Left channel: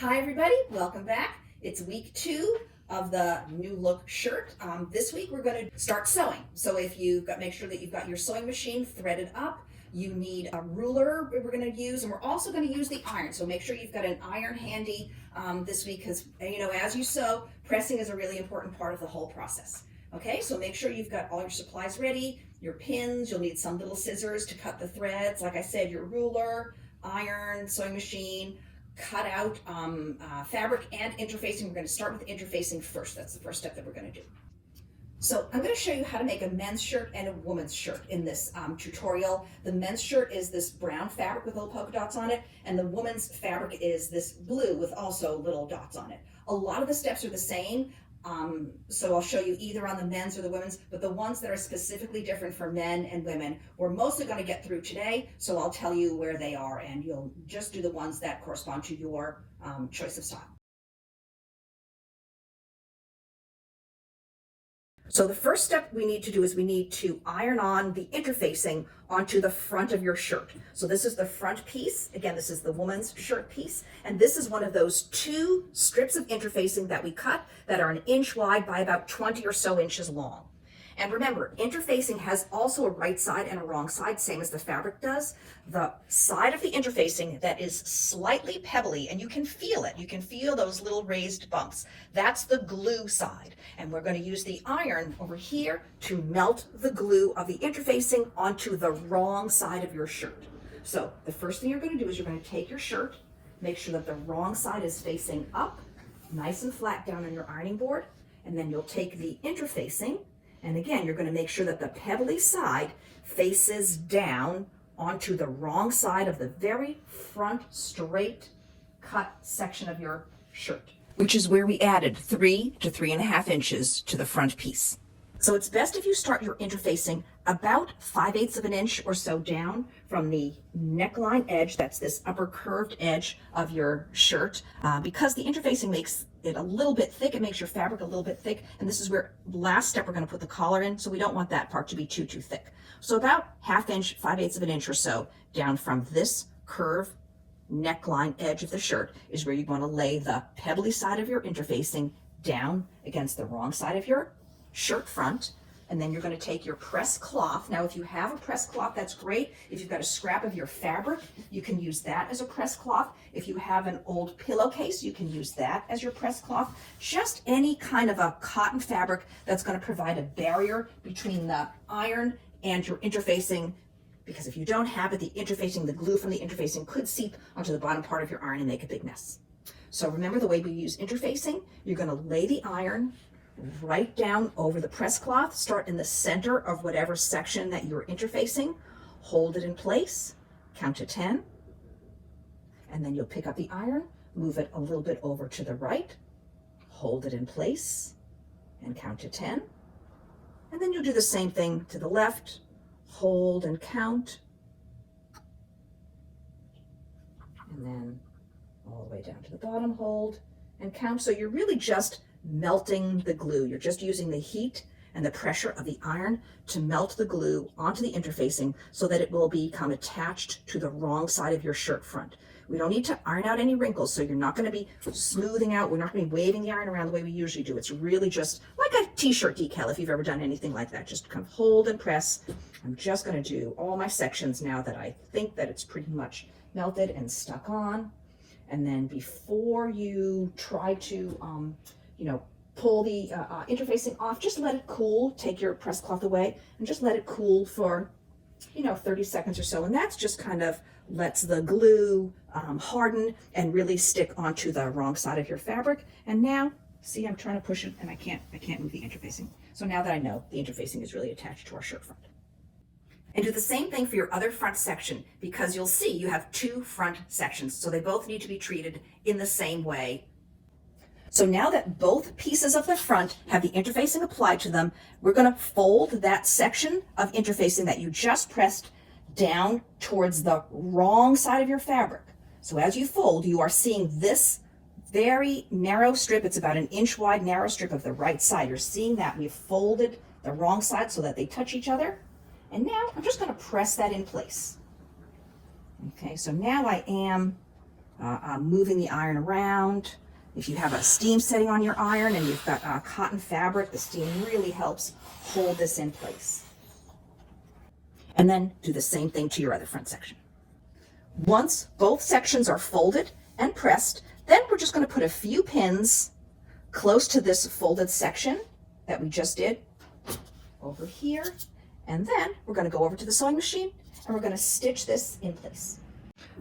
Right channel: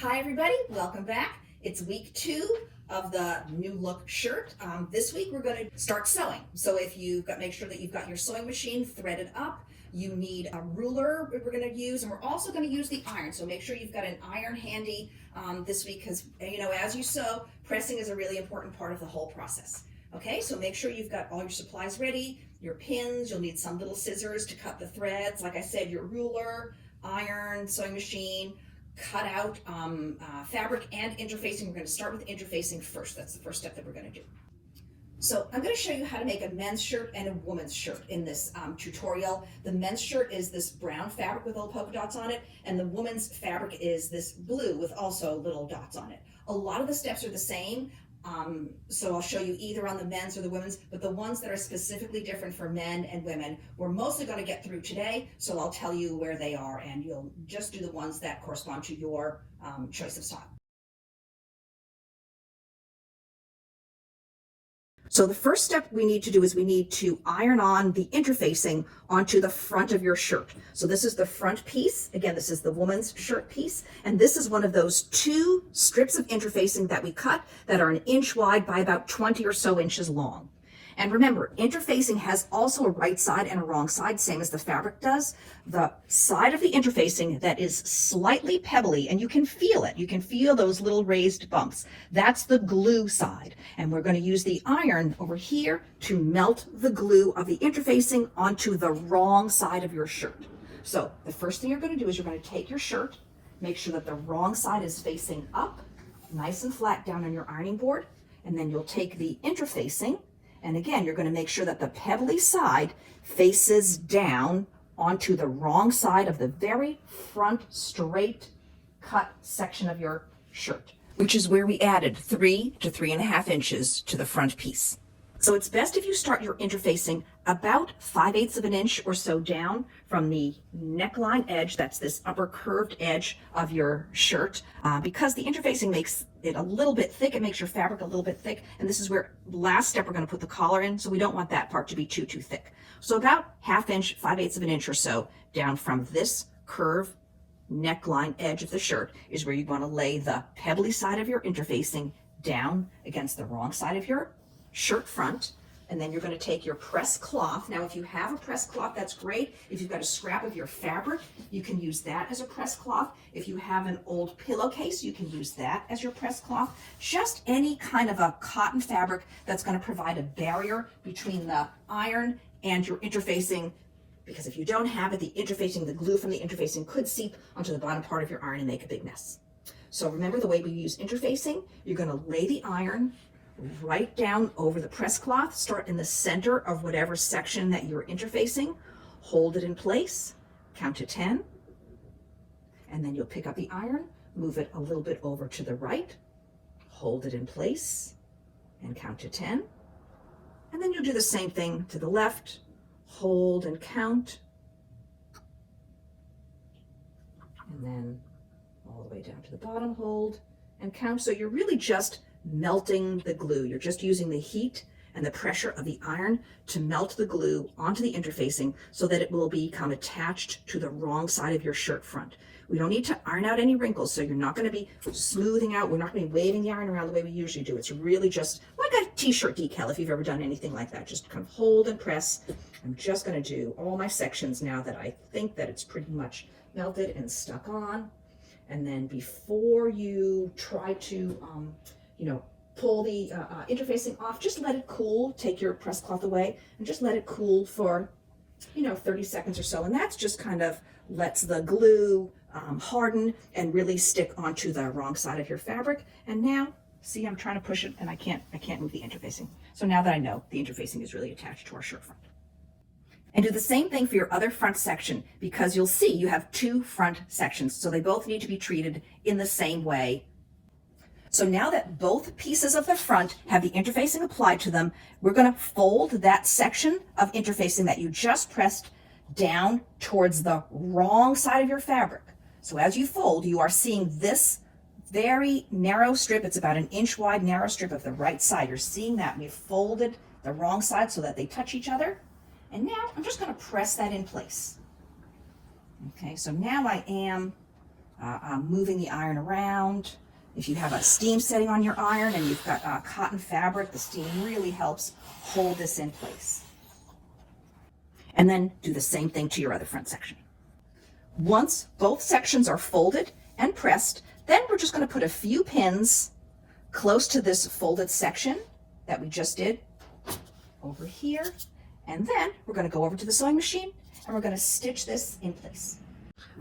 Hi everybody, welcome back. It's week 2 of the new look shirt. This week we're going to start sewing. So if you've got, make sure that you've got your sewing machine threaded up. You need a ruler we're going to use, and we're also going to use the iron. So make sure you've got an iron handy this week, because as you sew, pressing is a really important part of the whole process. Okay, so make sure you've got all your supplies ready, your pins, you'll need some little scissors to cut the threads. Like I said, your ruler, iron, sewing machine, cut out fabric and interfacing. We're going to start with interfacing first. That's the first step that we're going to do. So I'm going to show you how to make a men's shirt and a woman's shirt in this tutorial. The men's shirt is this brown fabric with little polka dots on it, and the woman's fabric is this blue with also little dots on it. A lot of the steps are the same, so I'll show you either on the men's or the women's, but the ones that are specifically different for men and women, we're mostly going to get through today, so I'll tell you where they are, and you'll just do the ones that correspond to your choice of style. So the first step we need to do is we need to iron on the interfacing onto the front of your shirt. So this is the front piece. Again, this is the woman's shirt piece. And this is one of those 2 strips of interfacing that we cut that are 1 inch wide by about 20 or so inches long. And remember, interfacing has also a right side and a wrong side, same as the fabric does. The side of the interfacing that is slightly pebbly, and you can feel it, you can feel those little raised bumps, that's the glue side. And we're going to use the iron over here to melt the glue of the interfacing onto the wrong side of your shirt. So the first thing you're going to do is you're going to take your shirt, make sure that the wrong side is facing up, nice and flat down on your ironing board, and then you'll take the interfacing. And again, you're going to make sure that the pebbly side faces down onto the wrong side of the very front straight cut section of your shirt, which is where we added 3 to 3.5 inches to the front piece. So it's best if you start your interfacing about 5/8 of an inch or so down from the neckline edge. That's this upper curved edge of your shirt, because the interfacing makes it a little bit thick. It makes your fabric a little bit thick. And this is where last step we're going to put the collar in. So we don't want that part to be too thick. So about 1/2 inch, 5/8 of an inch or so down from this curve neckline edge of the shirt is where you want to lay the pebbly side of your interfacing down against the wrong side of your shirt front. And then you're going to take your press cloth. Now, if you have a press cloth, that's great. If you've got a scrap of your fabric, you can use that as a press cloth. If you have an old pillowcase, you can use that as your press cloth. Just any kind of a cotton fabric that's going to provide a barrier between the iron and your interfacing, because if you don't have it, the interfacing, the glue from the interfacing could seep onto the bottom part of your iron and make a big mess. So remember the way we use interfacing. You're going to lay the iron right down over the press cloth, start in the center of whatever section that you're interfacing, hold it in place, count to 10, and then you'll pick up the iron, move it a little bit over to the right, hold it in place, and count to 10, and then you'll do the same thing to the left, hold and count, and then all the way down to the bottom, hold and count. So you're really just melting the glue. You're just using the heat and the pressure of the iron to melt the glue onto the interfacing so that it will become attached to the wrong side of your shirt front. We don't need to iron out any wrinkles, so you're not going to be smoothing out. We're not going to be waving the iron around the way we usually do. It's really just like a t-shirt decal, if you've ever done anything like that. Just kind of hold and press. I'm just going to do all my sections now that I think that it's pretty much melted and stuck on. And then before you try to pull the interfacing off, just let it cool. Take your press cloth away and just let it cool for 30 seconds or so. And that's just kind of lets the glue harden and really stick onto the wrong side of your fabric. And now, see, I'm trying to push it and I can't move the interfacing. So now that I know the interfacing is really attached to our shirt front. And do the same thing for your other front section, because you'll see you have 2 front sections. So they both need to be treated in the same way. So now that both pieces of the front have the interfacing applied to them, we're going to fold that section of interfacing that you just pressed down towards the wrong side of your fabric. So as you fold, you are seeing this very narrow strip. It's about 1 inch wide narrow strip of the right side. You're seeing that we've folded the wrong side so that they touch each other. And now I'm just going to press that in place. Okay, so now I am moving the iron around. If you have a steam setting on your iron and you've got cotton fabric, the steam really helps hold this in place. And then do the same thing to your other front section. Once both sections are folded and pressed, then we're just going to put a few pins close to this folded section that we just did over here. And then we're going to go over to the sewing machine and we're going to stitch this in place.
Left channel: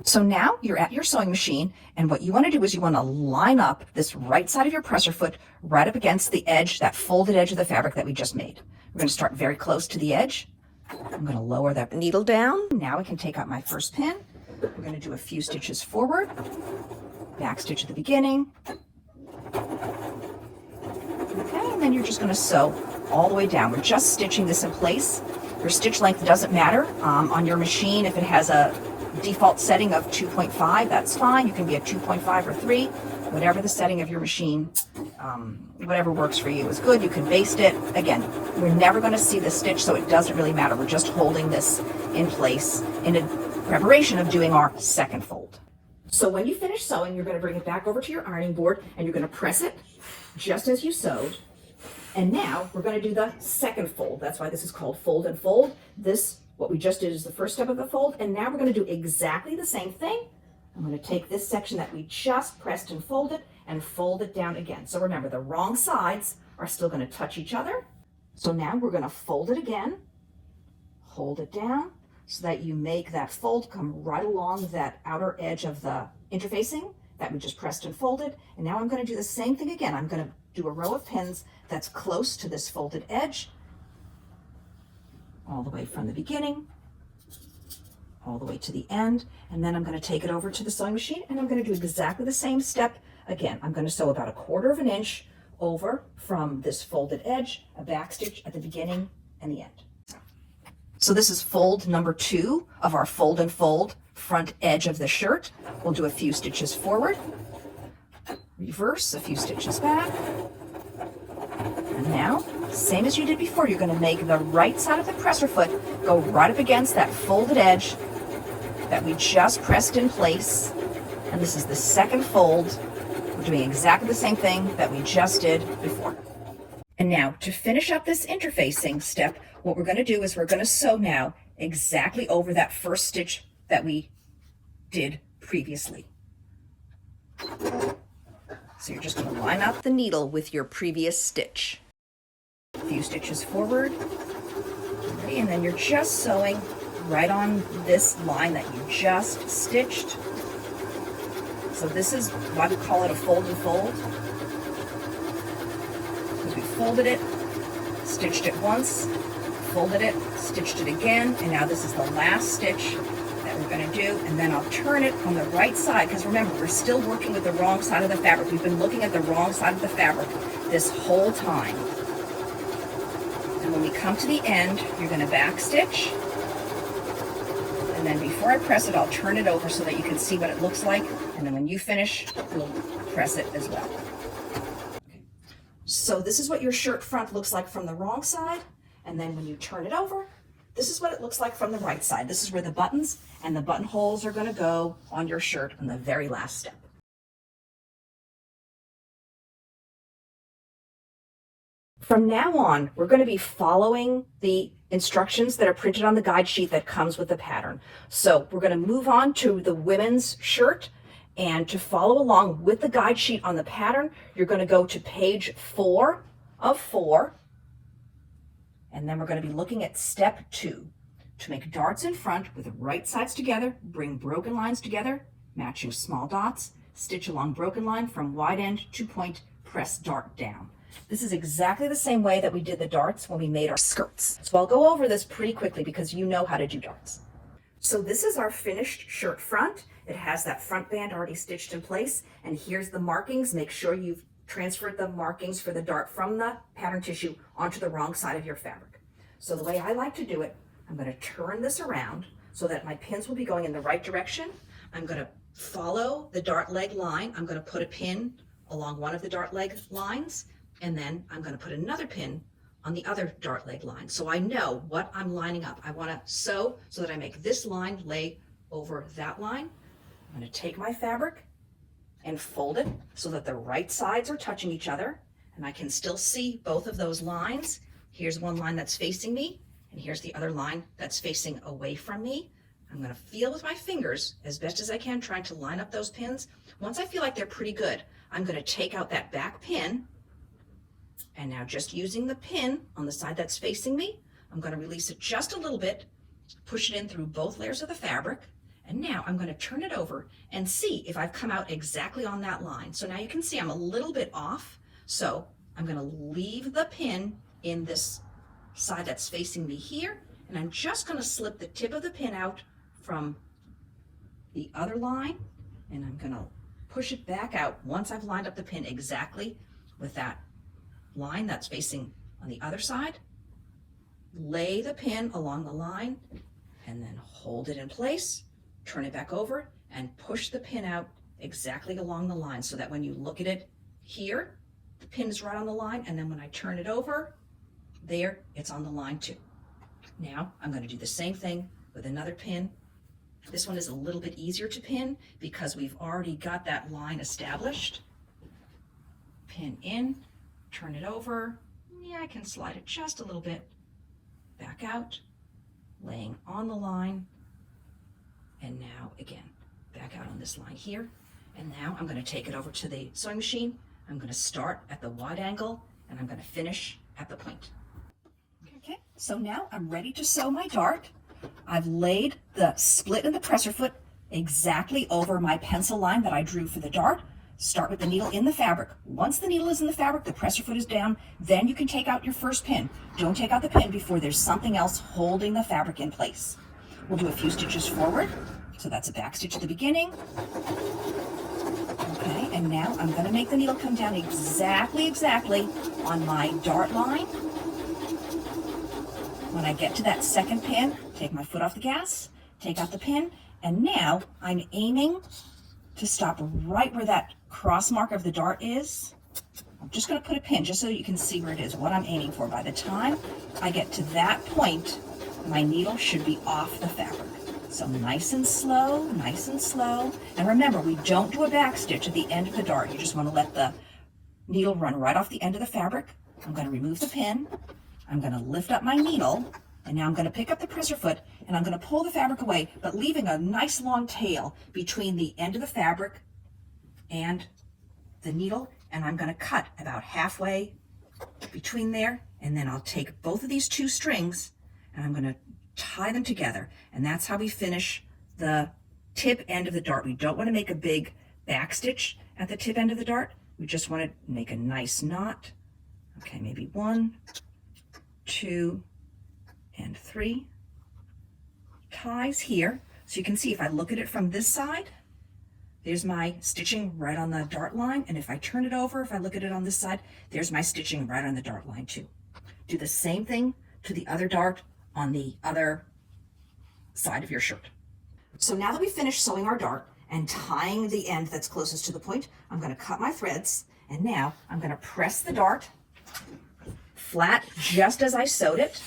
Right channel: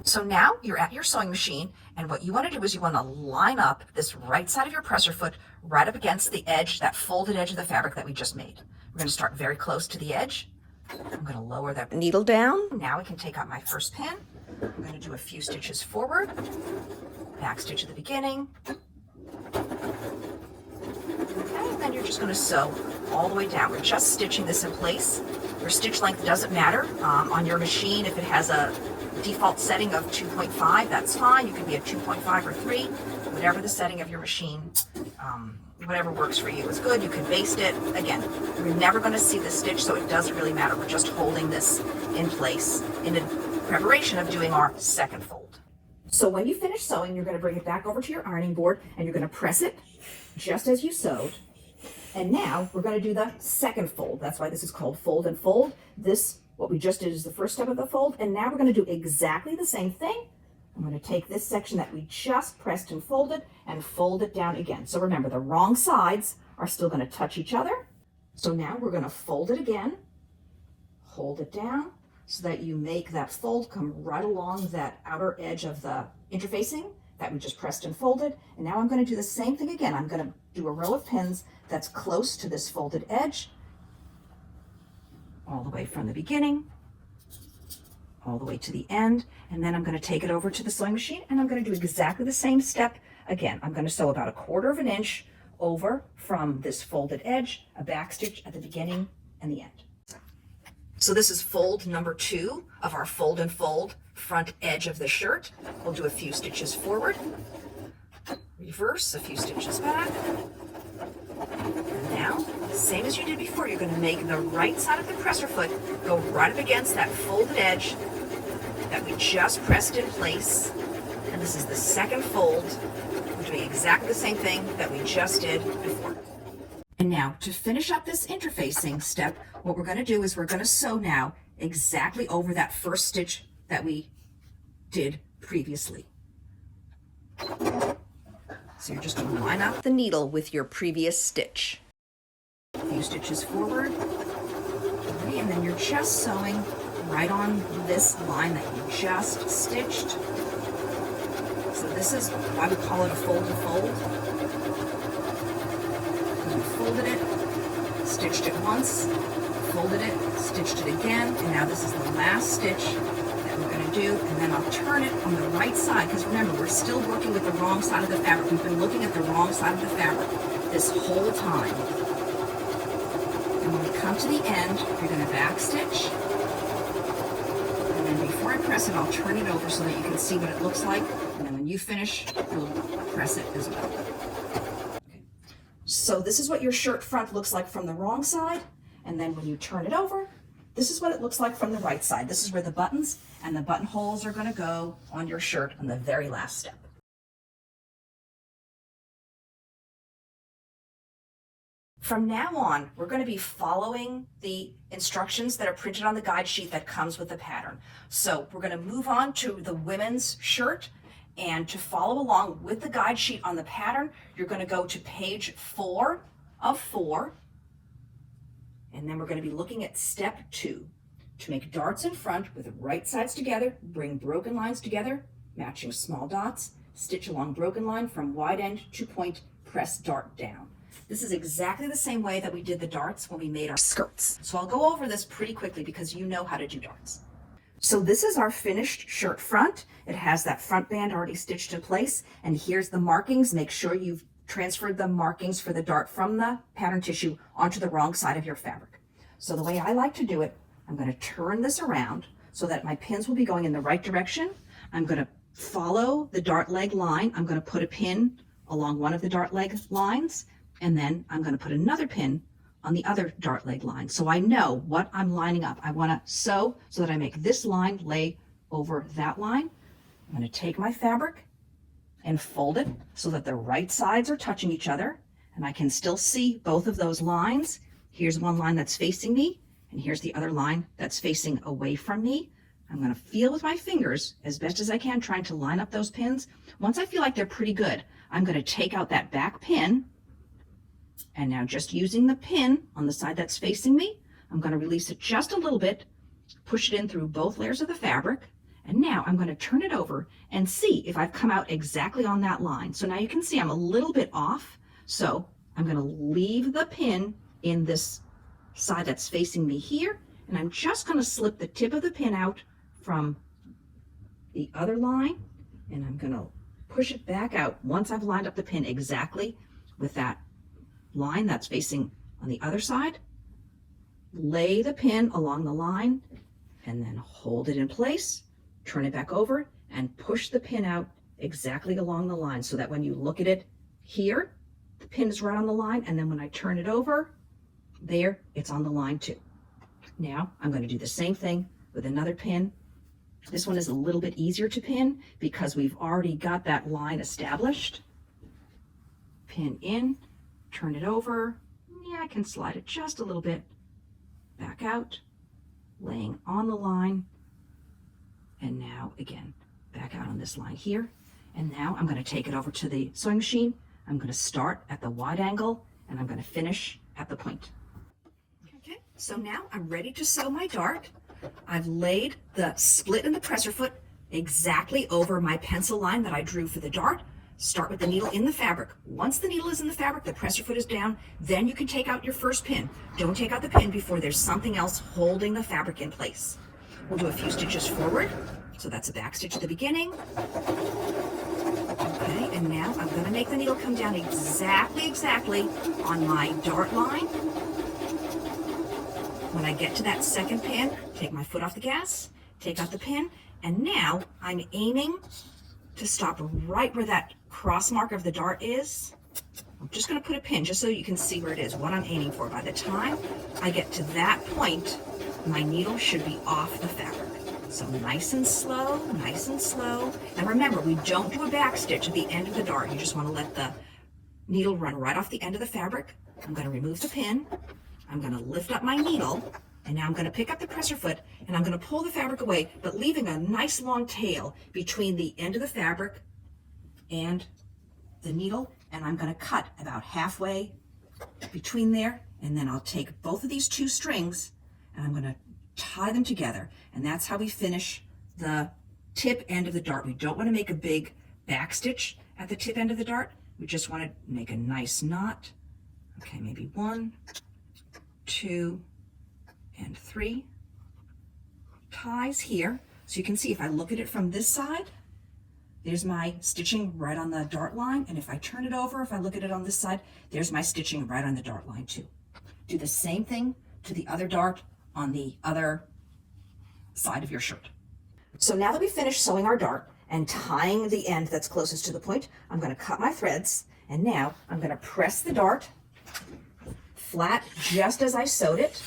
So now you're at your sewing machine, and what you want to do is you want to line up this right side of your presser foot right up against the edge, that folded edge of the fabric that we just made. We're going to start very close to the edge. I'm going to lower that needle down. Now I can take out my first pin. I'm going to do a few stitches forward, back stitch at the beginning. Okay, and then you're just going to sew all the way down. We're just stitching this in place. Your stitch length doesn't matter on your machine. If it has a default setting of 2.5, that's fine. You can be at 2.5 or 3, whatever the setting of your machine, whatever works for you is good. You can baste it. Again, we're never going to see the stitch, so it doesn't really matter. We're just holding this in place in a preparation of doing our second fold. So when you finish sewing, you're going to bring it back over to your ironing board and you're going to press it just as you sewed. And now we're going to do the second fold. That's why this is called fold and fold. This, what we just did, is the first step of the fold. And now we're going to do exactly the same thing. I'm going to take this section that we just pressed and fold it down again. So remember, the wrong sides are still going to touch each other. So now we're going to fold it again, hold it down so that you make that fold come right along that outer edge of the interfacing that we just pressed and folded. And now I'm going to do the same thing again. I'm going to do a row of pins that's close to this folded edge, all the way from the beginning, all the way to the end. And then I'm going to take it over to the sewing machine and I'm going to do exactly the same step again. I'm going to sew about 1/4 of an inch over from this folded edge, a back stitch at the beginning and the end. So this is fold number 2 of our fold and fold front edge of the shirt. We'll do a few stitches forward, reverse, a few stitches back. And now, same as you did before, you're going to make the right side of the presser foot go right up against that folded edge that we just pressed in place. And this is the second fold. We're doing exactly the same thing that we just did before. And now, to finish up this interfacing step, what we're going to do is we're going to sew now exactly over that first stitch that we did previously. So you're just going to line up the needle with your previous stitch. A few stitches forward, and then you're just sewing right on this line that you just stitched. So this is why we call it a fold and fold. We folded it, stitched it once, folded it, stitched it again, and now this is the last stitch that we're going to do, and then I'll turn it on the right side, because remember, we're still working with the wrong side of the fabric. We've been looking at the wrong side of the fabric this whole time. And when we come to the end, you're going to back stitch, and then before I press it, I'll turn it over so that you can see what it looks like, and then when you finish, you'll press it as well. Okay. So this is what your shirt front looks like from the wrong side. And then when you turn it over, this is what it looks like from the right side. This is where the buttons and the buttonholes are going to go on your shirt on the very last step. From now on, we're going to be following the instructions that are printed on the guide sheet that comes with the pattern. So we're going to move on to the women's shirt. And to follow along with the guide sheet on the pattern, you're going to go to page 4 of 4. And then we're going to be looking at step 2. To make darts in front with the right sides together, bring broken lines together, matching small dots, stitch along broken line from wide end to point, press dart down. This is exactly the same way that we did the darts when we made our skirts. So I'll go over this pretty quickly because you know how to do darts. So this is our finished shirt front. It has that front band already stitched in place. And here's the markings. Make sure you've transferred the markings for the dart from the pattern tissue onto the wrong side of your fabric. So the way I like to do it, I'm going to turn this around so that my pins will be going in the right direction. I'm going to follow the dart leg line. I'm going to put a pin along one of the dart leg lines, and then I'm going to put another pin on the other dart leg line. So I know what I'm lining up. I want to sew so that I make this line lay over that line. I'm going to take my fabric and fold it so that the right sides are touching each other, and I can still see both of those lines. Here's one line that's facing me, and here's the other line that's facing away from me. I'm going to feel with my fingers as best as I can, trying to line up those pins. Once I feel like they're pretty good, I'm going to take out that back pin, and now just using the pin on the side that's facing me, I'm going to release it just a little bit, push it in through both layers of the fabric, and now I'm going to turn it over and see if I've come out exactly on that line. So now you can see I'm a little bit off, so I'm going to leave the pin in this side that's facing me here, and I'm just going to slip the tip of the pin out from the other line, and I'm going to push it back out once I've lined up the pin exactly with that line that's facing on the other side. Lay the pin along the line and then hold it in place, turn it back over, and push the pin out exactly along the line so that when you look at it here, the pin is right on the line, and then when I turn it over, there, it's on the line too. Now I'm going to do the same thing with another pin. This one is a little bit easier to pin because we've already got that line established. Pin in, turn it over. Yeah, I can slide it just a little bit back out, laying on the line, and now again back out on this line here. And now I'm going to take it over to the sewing machine. I'm going to start at the wide angle and I'm going to finish at the point. Okay, so now I'm ready to sew my dart. I've laid the split in the presser foot exactly over my pencil line that I drew for the dart. Start with the needle in the fabric. Once the needle is in the fabric, the presser foot is down, then you can take out your first pin. Don't take out the pin before there's something else holding the fabric in place. We'll do a few stitches forward. So that's a back stitch at the beginning. Okay, and now I'm going to make the needle come down exactly on my dart line. When I get to that second pin, take my foot off the gas, take out the pin, and now I'm aiming to stop right where that cross mark of the dart is. I'm just going to put a pin just so you can see where it is, what I'm aiming for. By the time I get to that point, my needle should be off the fabric. So nice and slow, nice and slow. And remember, we don't do a back stitch at the end of the dart. You just want to let the needle run right off the end of the fabric. I'm going to remove the pin. I'm going to lift up my needle, and now I'm going to pick up the presser foot, and I'm going to pull the fabric away, but leaving a nice long tail between the end of the fabric and the needle, and I'm going to cut about halfway between there, and then I'll take both of these two strings, and I'm going to tie them together, and that's how we finish the tip end of the dart. We don't want to make a big back stitch at the tip end of the dart. We just want to make a nice knot. Okay, maybe 1, 2, and 3 ties here. So you can see if I look at it from this side, there's my stitching right on the dart line. And if I turn it over, if I look at it on this side, there's my stitching right on the dart line too. Do the same thing to the other dart on the other side of your shirt. So now that we've finished sewing our dart and tying the end that's closest to the point, I'm going to cut my threads, and now I'm going to press the dart flat just as I sewed it.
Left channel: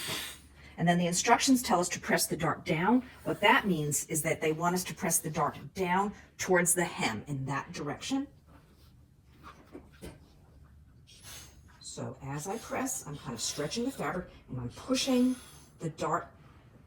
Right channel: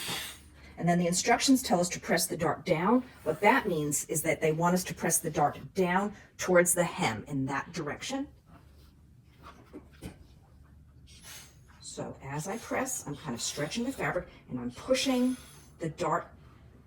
And then the instructions tell us to press the dart down. What that means is that they want us to press the dart down towards the hem in that direction. So as I press, I'm kind of stretching the fabric and I'm pushing the dart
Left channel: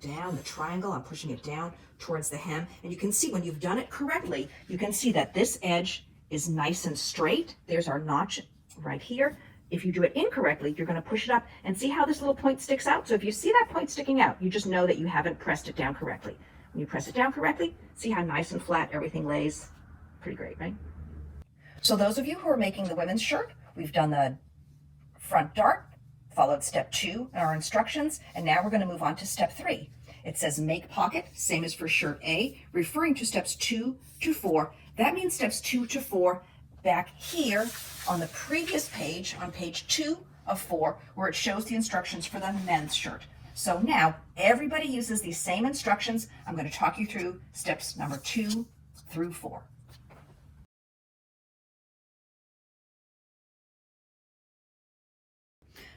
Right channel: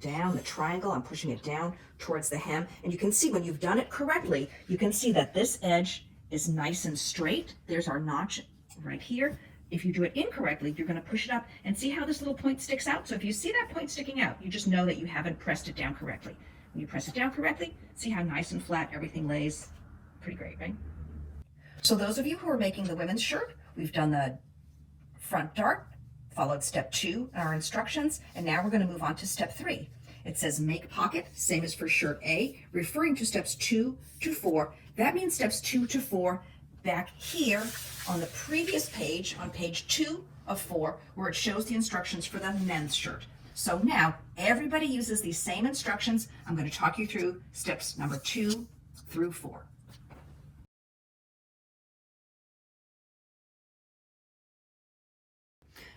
down, the triangle, I'm pushing it down towards the hem. And you can see when you've done it correctly, you can see that this edge is nice and straight. There's our notch right here. If you do it incorrectly, you're going to push it up and see how this little point sticks out. So if you see that point sticking out, you just know that you haven't pressed it down correctly. When you press it down correctly, see how nice and flat everything lays. Pretty great, right? So those of you who are making the women's shirt, we've done the front dart, followed step 2 in our instructions, and now we're going to move on to step 3. It says make pocket, same as for shirt A, referring to steps 2 to 4. That means steps 2 to 4 back here on the previous page, on page 2 of 4, where it shows the instructions for the men's shirt. So now everybody uses these same instructions. I'm going to talk you through steps number 2 through 4.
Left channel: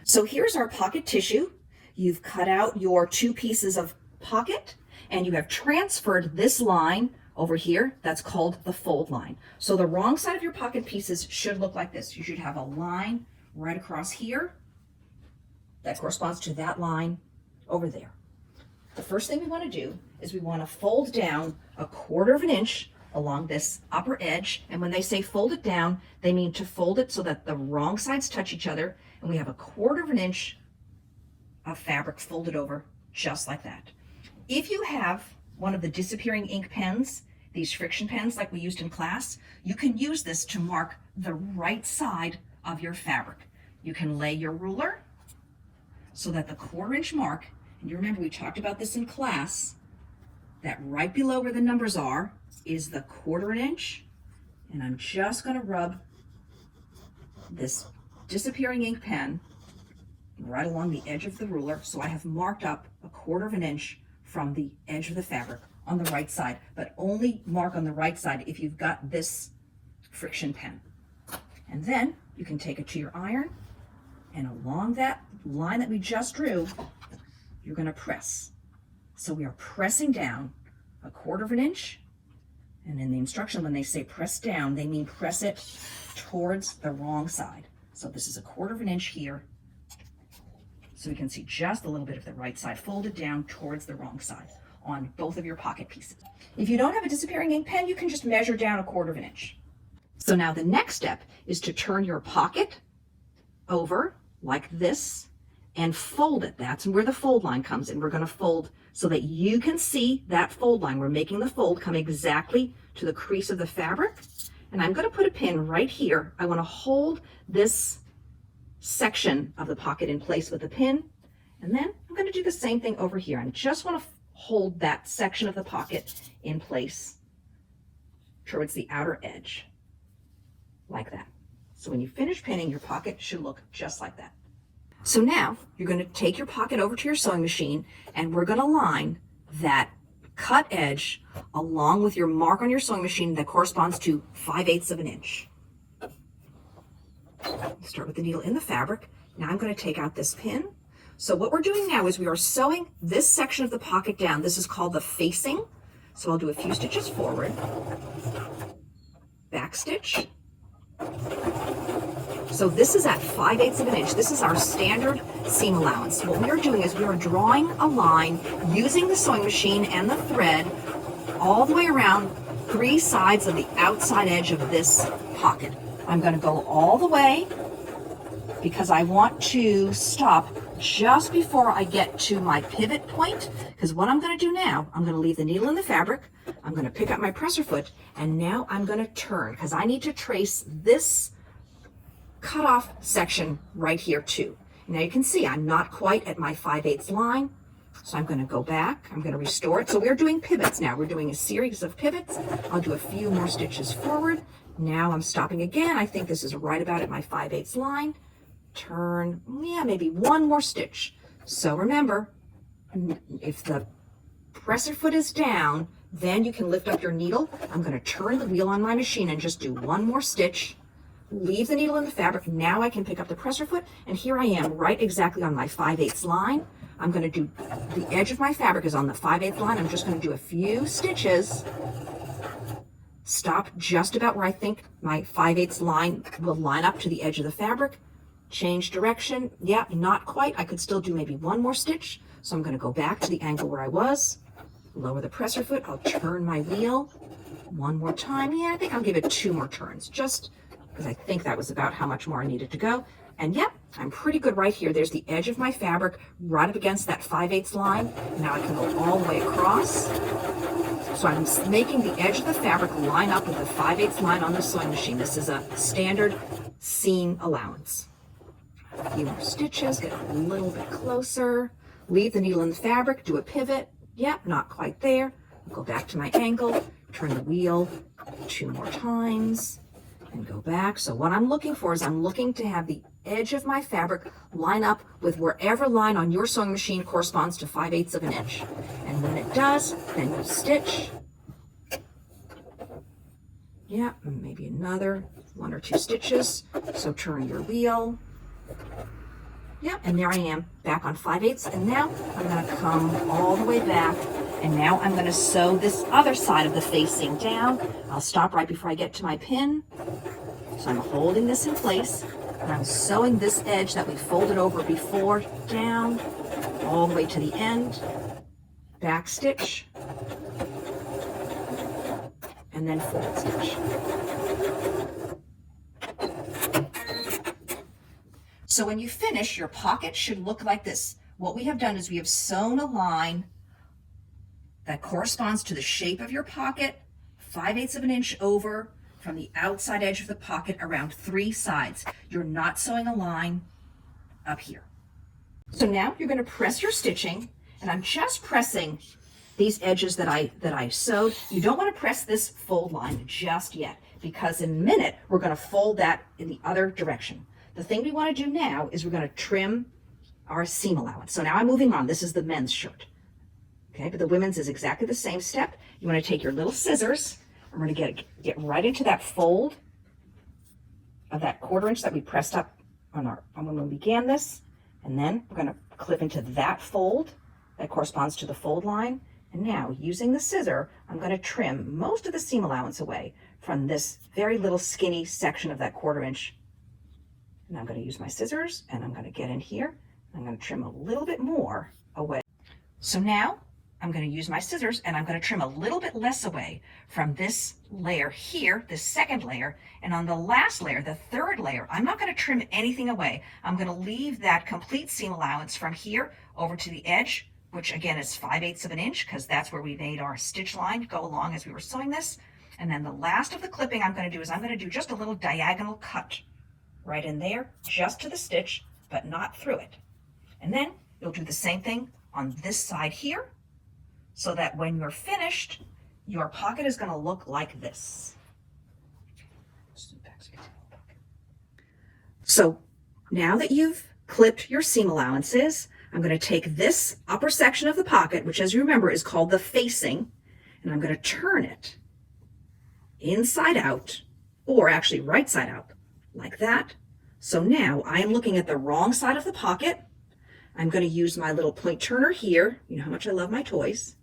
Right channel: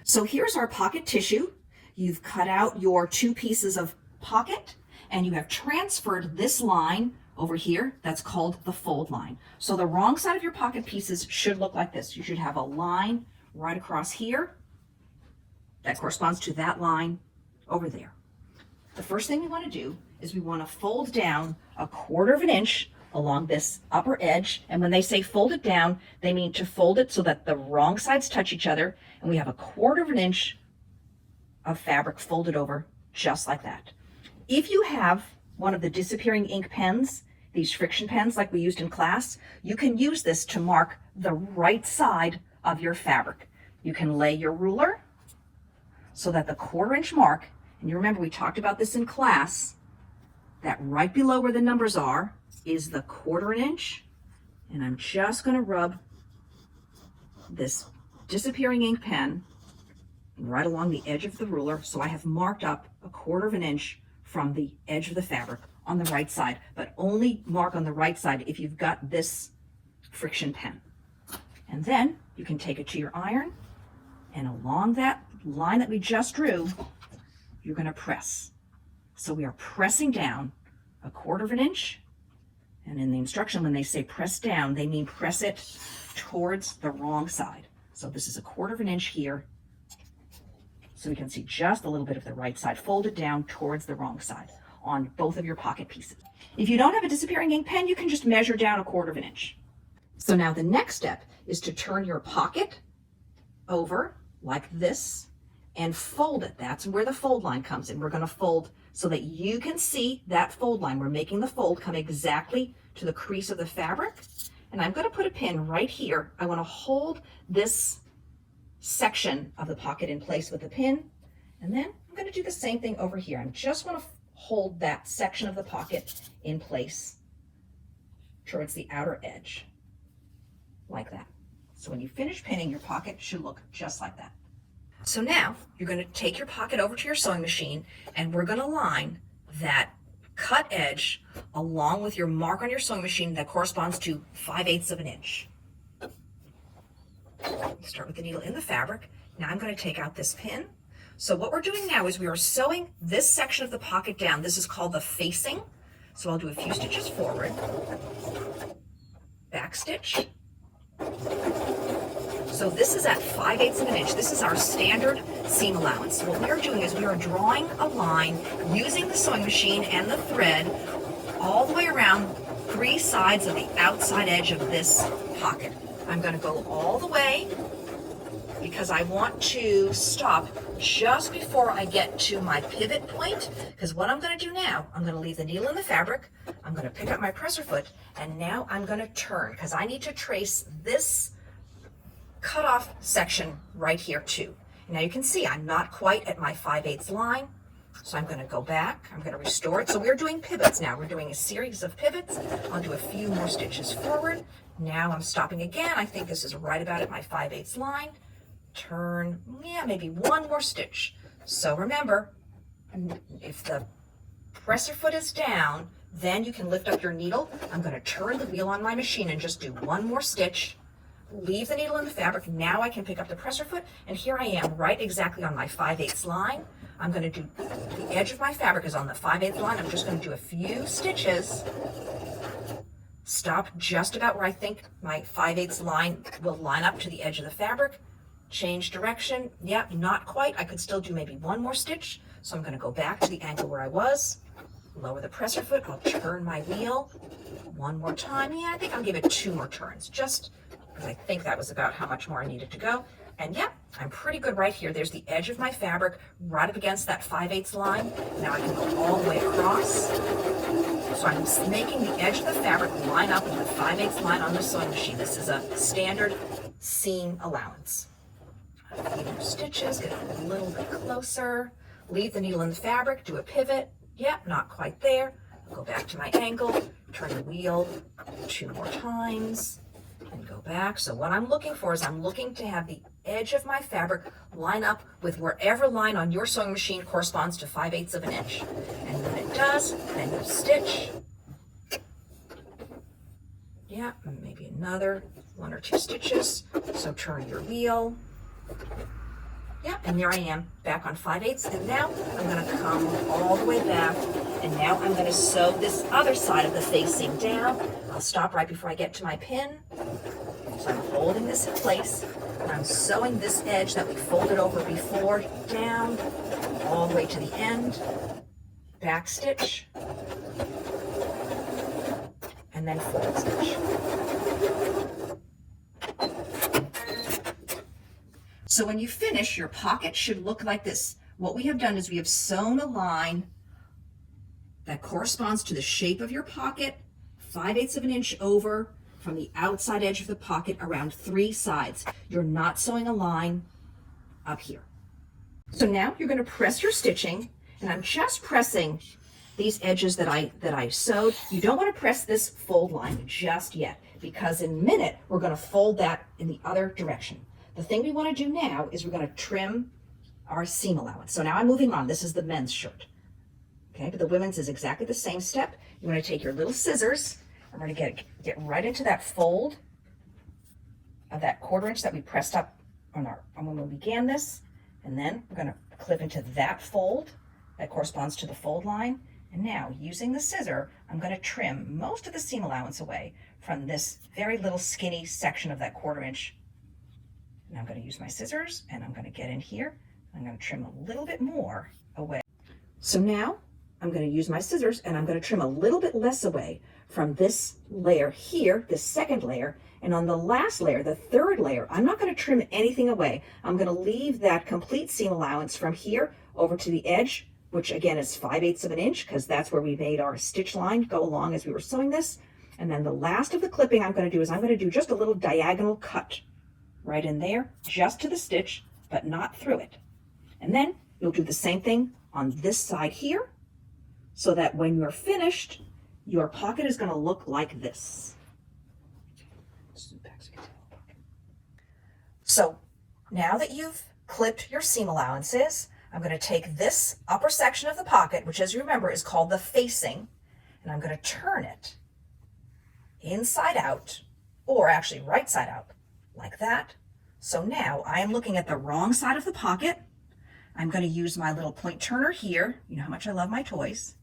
So here's our pocket tissue. You've cut out your 2 pieces of pocket and you have transferred this line over here, that's called the fold line. So the wrong side of your pocket pieces should look like this. You should have a line right across here that corresponds to that line over there. The first thing we want to do is we want to fold down 1/4 inch along this upper edge. And when they say fold it down, they mean to fold it so that the wrong sides touch each other. And we have 1/4 inch of fabric folded over just like that. If you have one of the disappearing ink pens, these friction pens like we used in class, you can use this to mark the right side of your fabric. You can lay your ruler so that the 1/4 inch mark, and you remember we talked about this in class, that right below where the numbers are is the 1/4 inch. And I'm just going to rub this disappearing ink pen right along the edge of the ruler, so I have marked up 1/4 inch from the edge of the fabric on the right side, but only mark on the right side if you've got this friction pen. And then you can take it to your iron, and along that line that we just drew, you're going to press. So we are pressing down 1/4 inch, and in the instruction when they say press down, they mean press it towards the wrong side. So this is 1/4 inch here, so we can see just a little bit of the right side folded down towards the wrong side on both of your pocket pieces. If you don't have a disappearing ink pen, you can just measure down 1/4 inch. So now the next step is to turn your pocket over like this and fold it. That's where the fold line comes in. We're going to fold so that you can see that fold line. We're making the fold come exactly to the crease of the fabric. And I'm going to put a pin right here. I want to hold this section of the pocket in place with a pin. And then I'm going to do the same thing over here. I just want to hold that section of the pocket in place towards the outer edge, like that. So when you finish pinning, your pocket should look just like that. So now you're going to take your pocket over to your sewing machine, and we're going to line that cut edge along with your mark on your sewing machine that corresponds to 5/8 inch. Start with the needle in the fabric. Now I'm going to take out this pin. So what we're doing now is we are sewing this section of the pocket down. This is called the facing. So I'll do a few stitches forward, back stitch. So this is at 5/8 inch. This is our standard seam allowance. So what we are doing is we are drawing a line using the sewing machine and the thread all the way around 3 sides of the outside edge of this pocket. I'm going to go all the way because I want to stop just before I get to my pivot point, because what I'm going to do now, I'm going to leave the needle in the fabric, I'm going to pick up my presser foot, and now I'm going to turn because I need to trace this cut off section right here too. Now you can see I'm not quite at my 5/8 line, so I'm going to go back, I'm going to restore it. So we're doing pivots now. We're doing a series of pivots. I'll do a few more stitches forward. Now I'm stopping again. I think this is right about at my 5/8 line. Turn, yeah, maybe one more stitch. So remember, if the presser foot is down, then you can lift up your needle. I'm going to turn the wheel on my machine and just do one more stitch. Leave the needle in the fabric. Now I can pick up the presser foot, and here I am right exactly on my 5/8 line. I'm going to do, the edge of my fabric is on the 5/8 line. I'm just going to do a few stitches. Stop just about where I think my 5/8 line will line up to the edge of the fabric. Change direction. Yeah, not quite. I could still do maybe one more stitch. So I'm going to go back to the angle where I was. Lower the presser foot. I'll turn my wheel one more time. Yeah, I think I'll give it 2 more turns, just because I think that was about how much more I needed to go. And yeah, I'm pretty good right here. There's the edge of my fabric right up against that 5/8 line. Now I can go all the way across. So I'm making the edge of the fabric line up with the 5/8 line on the sewing machine. This is a standard seam allowance. A few more stitches, get a little bit closer. Leave the needle in the fabric, do a pivot. Yep, not quite there. I'll go back to my angle, turn the wheel 2 more times, and go back. So what I'm looking for is I'm looking to have the edge of my fabric line up with wherever line on your sewing machine corresponds to 5/8 inch. And when it does, then you stitch. Yeah, maybe another 1 or 2 stitches. So turn your wheel. Yeah, and there I am back on 5/8, and now I'm going to come all the way back And now I'm going to sew this other side of the facing down. I'll stop right before I get to my pin. So I'm holding this in place, and I'm sewing this edge that we folded over before down all the way to the end, back stitch, and then forward stitch. So when you finish, your pocket should look like this. What we have done is we have sewn a line that corresponds to the shape of your pocket, 5/8 of an inch over from the outside edge of the pocket around 3 sides. You're not sewing a line up here. So now you're going to press your stitching, and I'm just pressing these edges that I sewed. You don't want to press this fold line just yet, because in a minute we're going to fold that in the other direction. The thing we want to do now is we're going to trim our seam allowance. So now I'm moving on. This is the men's shirt. Okay, but the women's is exactly the same step. You want to take your little scissors, and we're going to get right into that fold of that 1/4 inch that we pressed up on when we began this. And then we're going to clip into that fold that corresponds to the fold line. And now, using the scissor, I'm going to trim most of the seam allowance away from this very little skinny section of that 1/4 inch. And I'm going to use my scissors, and I'm going to get in here. I'm going to trim a little bit more away. So now I'm going to use my scissors, and I'm going to trim a little bit less away from this layer here, this second layer. And on the last layer, the 3rd layer, I'm not going to trim anything away. I'm going to leave that complete seam allowance from here over to the edge, which again is 5/8 of an inch, because that's where we made our stitch line go along as we were sewing this. And then the last of the clipping I'm going to do is I'm going to do just a little diagonal cut right in there, just to the stitch, but not through it. And then you'll do the same thing on this side here, so that when you're finished, your pocket is going to look like this. So now that you've clipped your seam allowances, I'm going to take this upper section of the pocket, which as you remember is called the facing, and I'm going to turn it inside out, or actually right side out, like that. So now I am looking at the wrong side of the pocket. I'm going to use my little point turner here. You know how much I love my toys.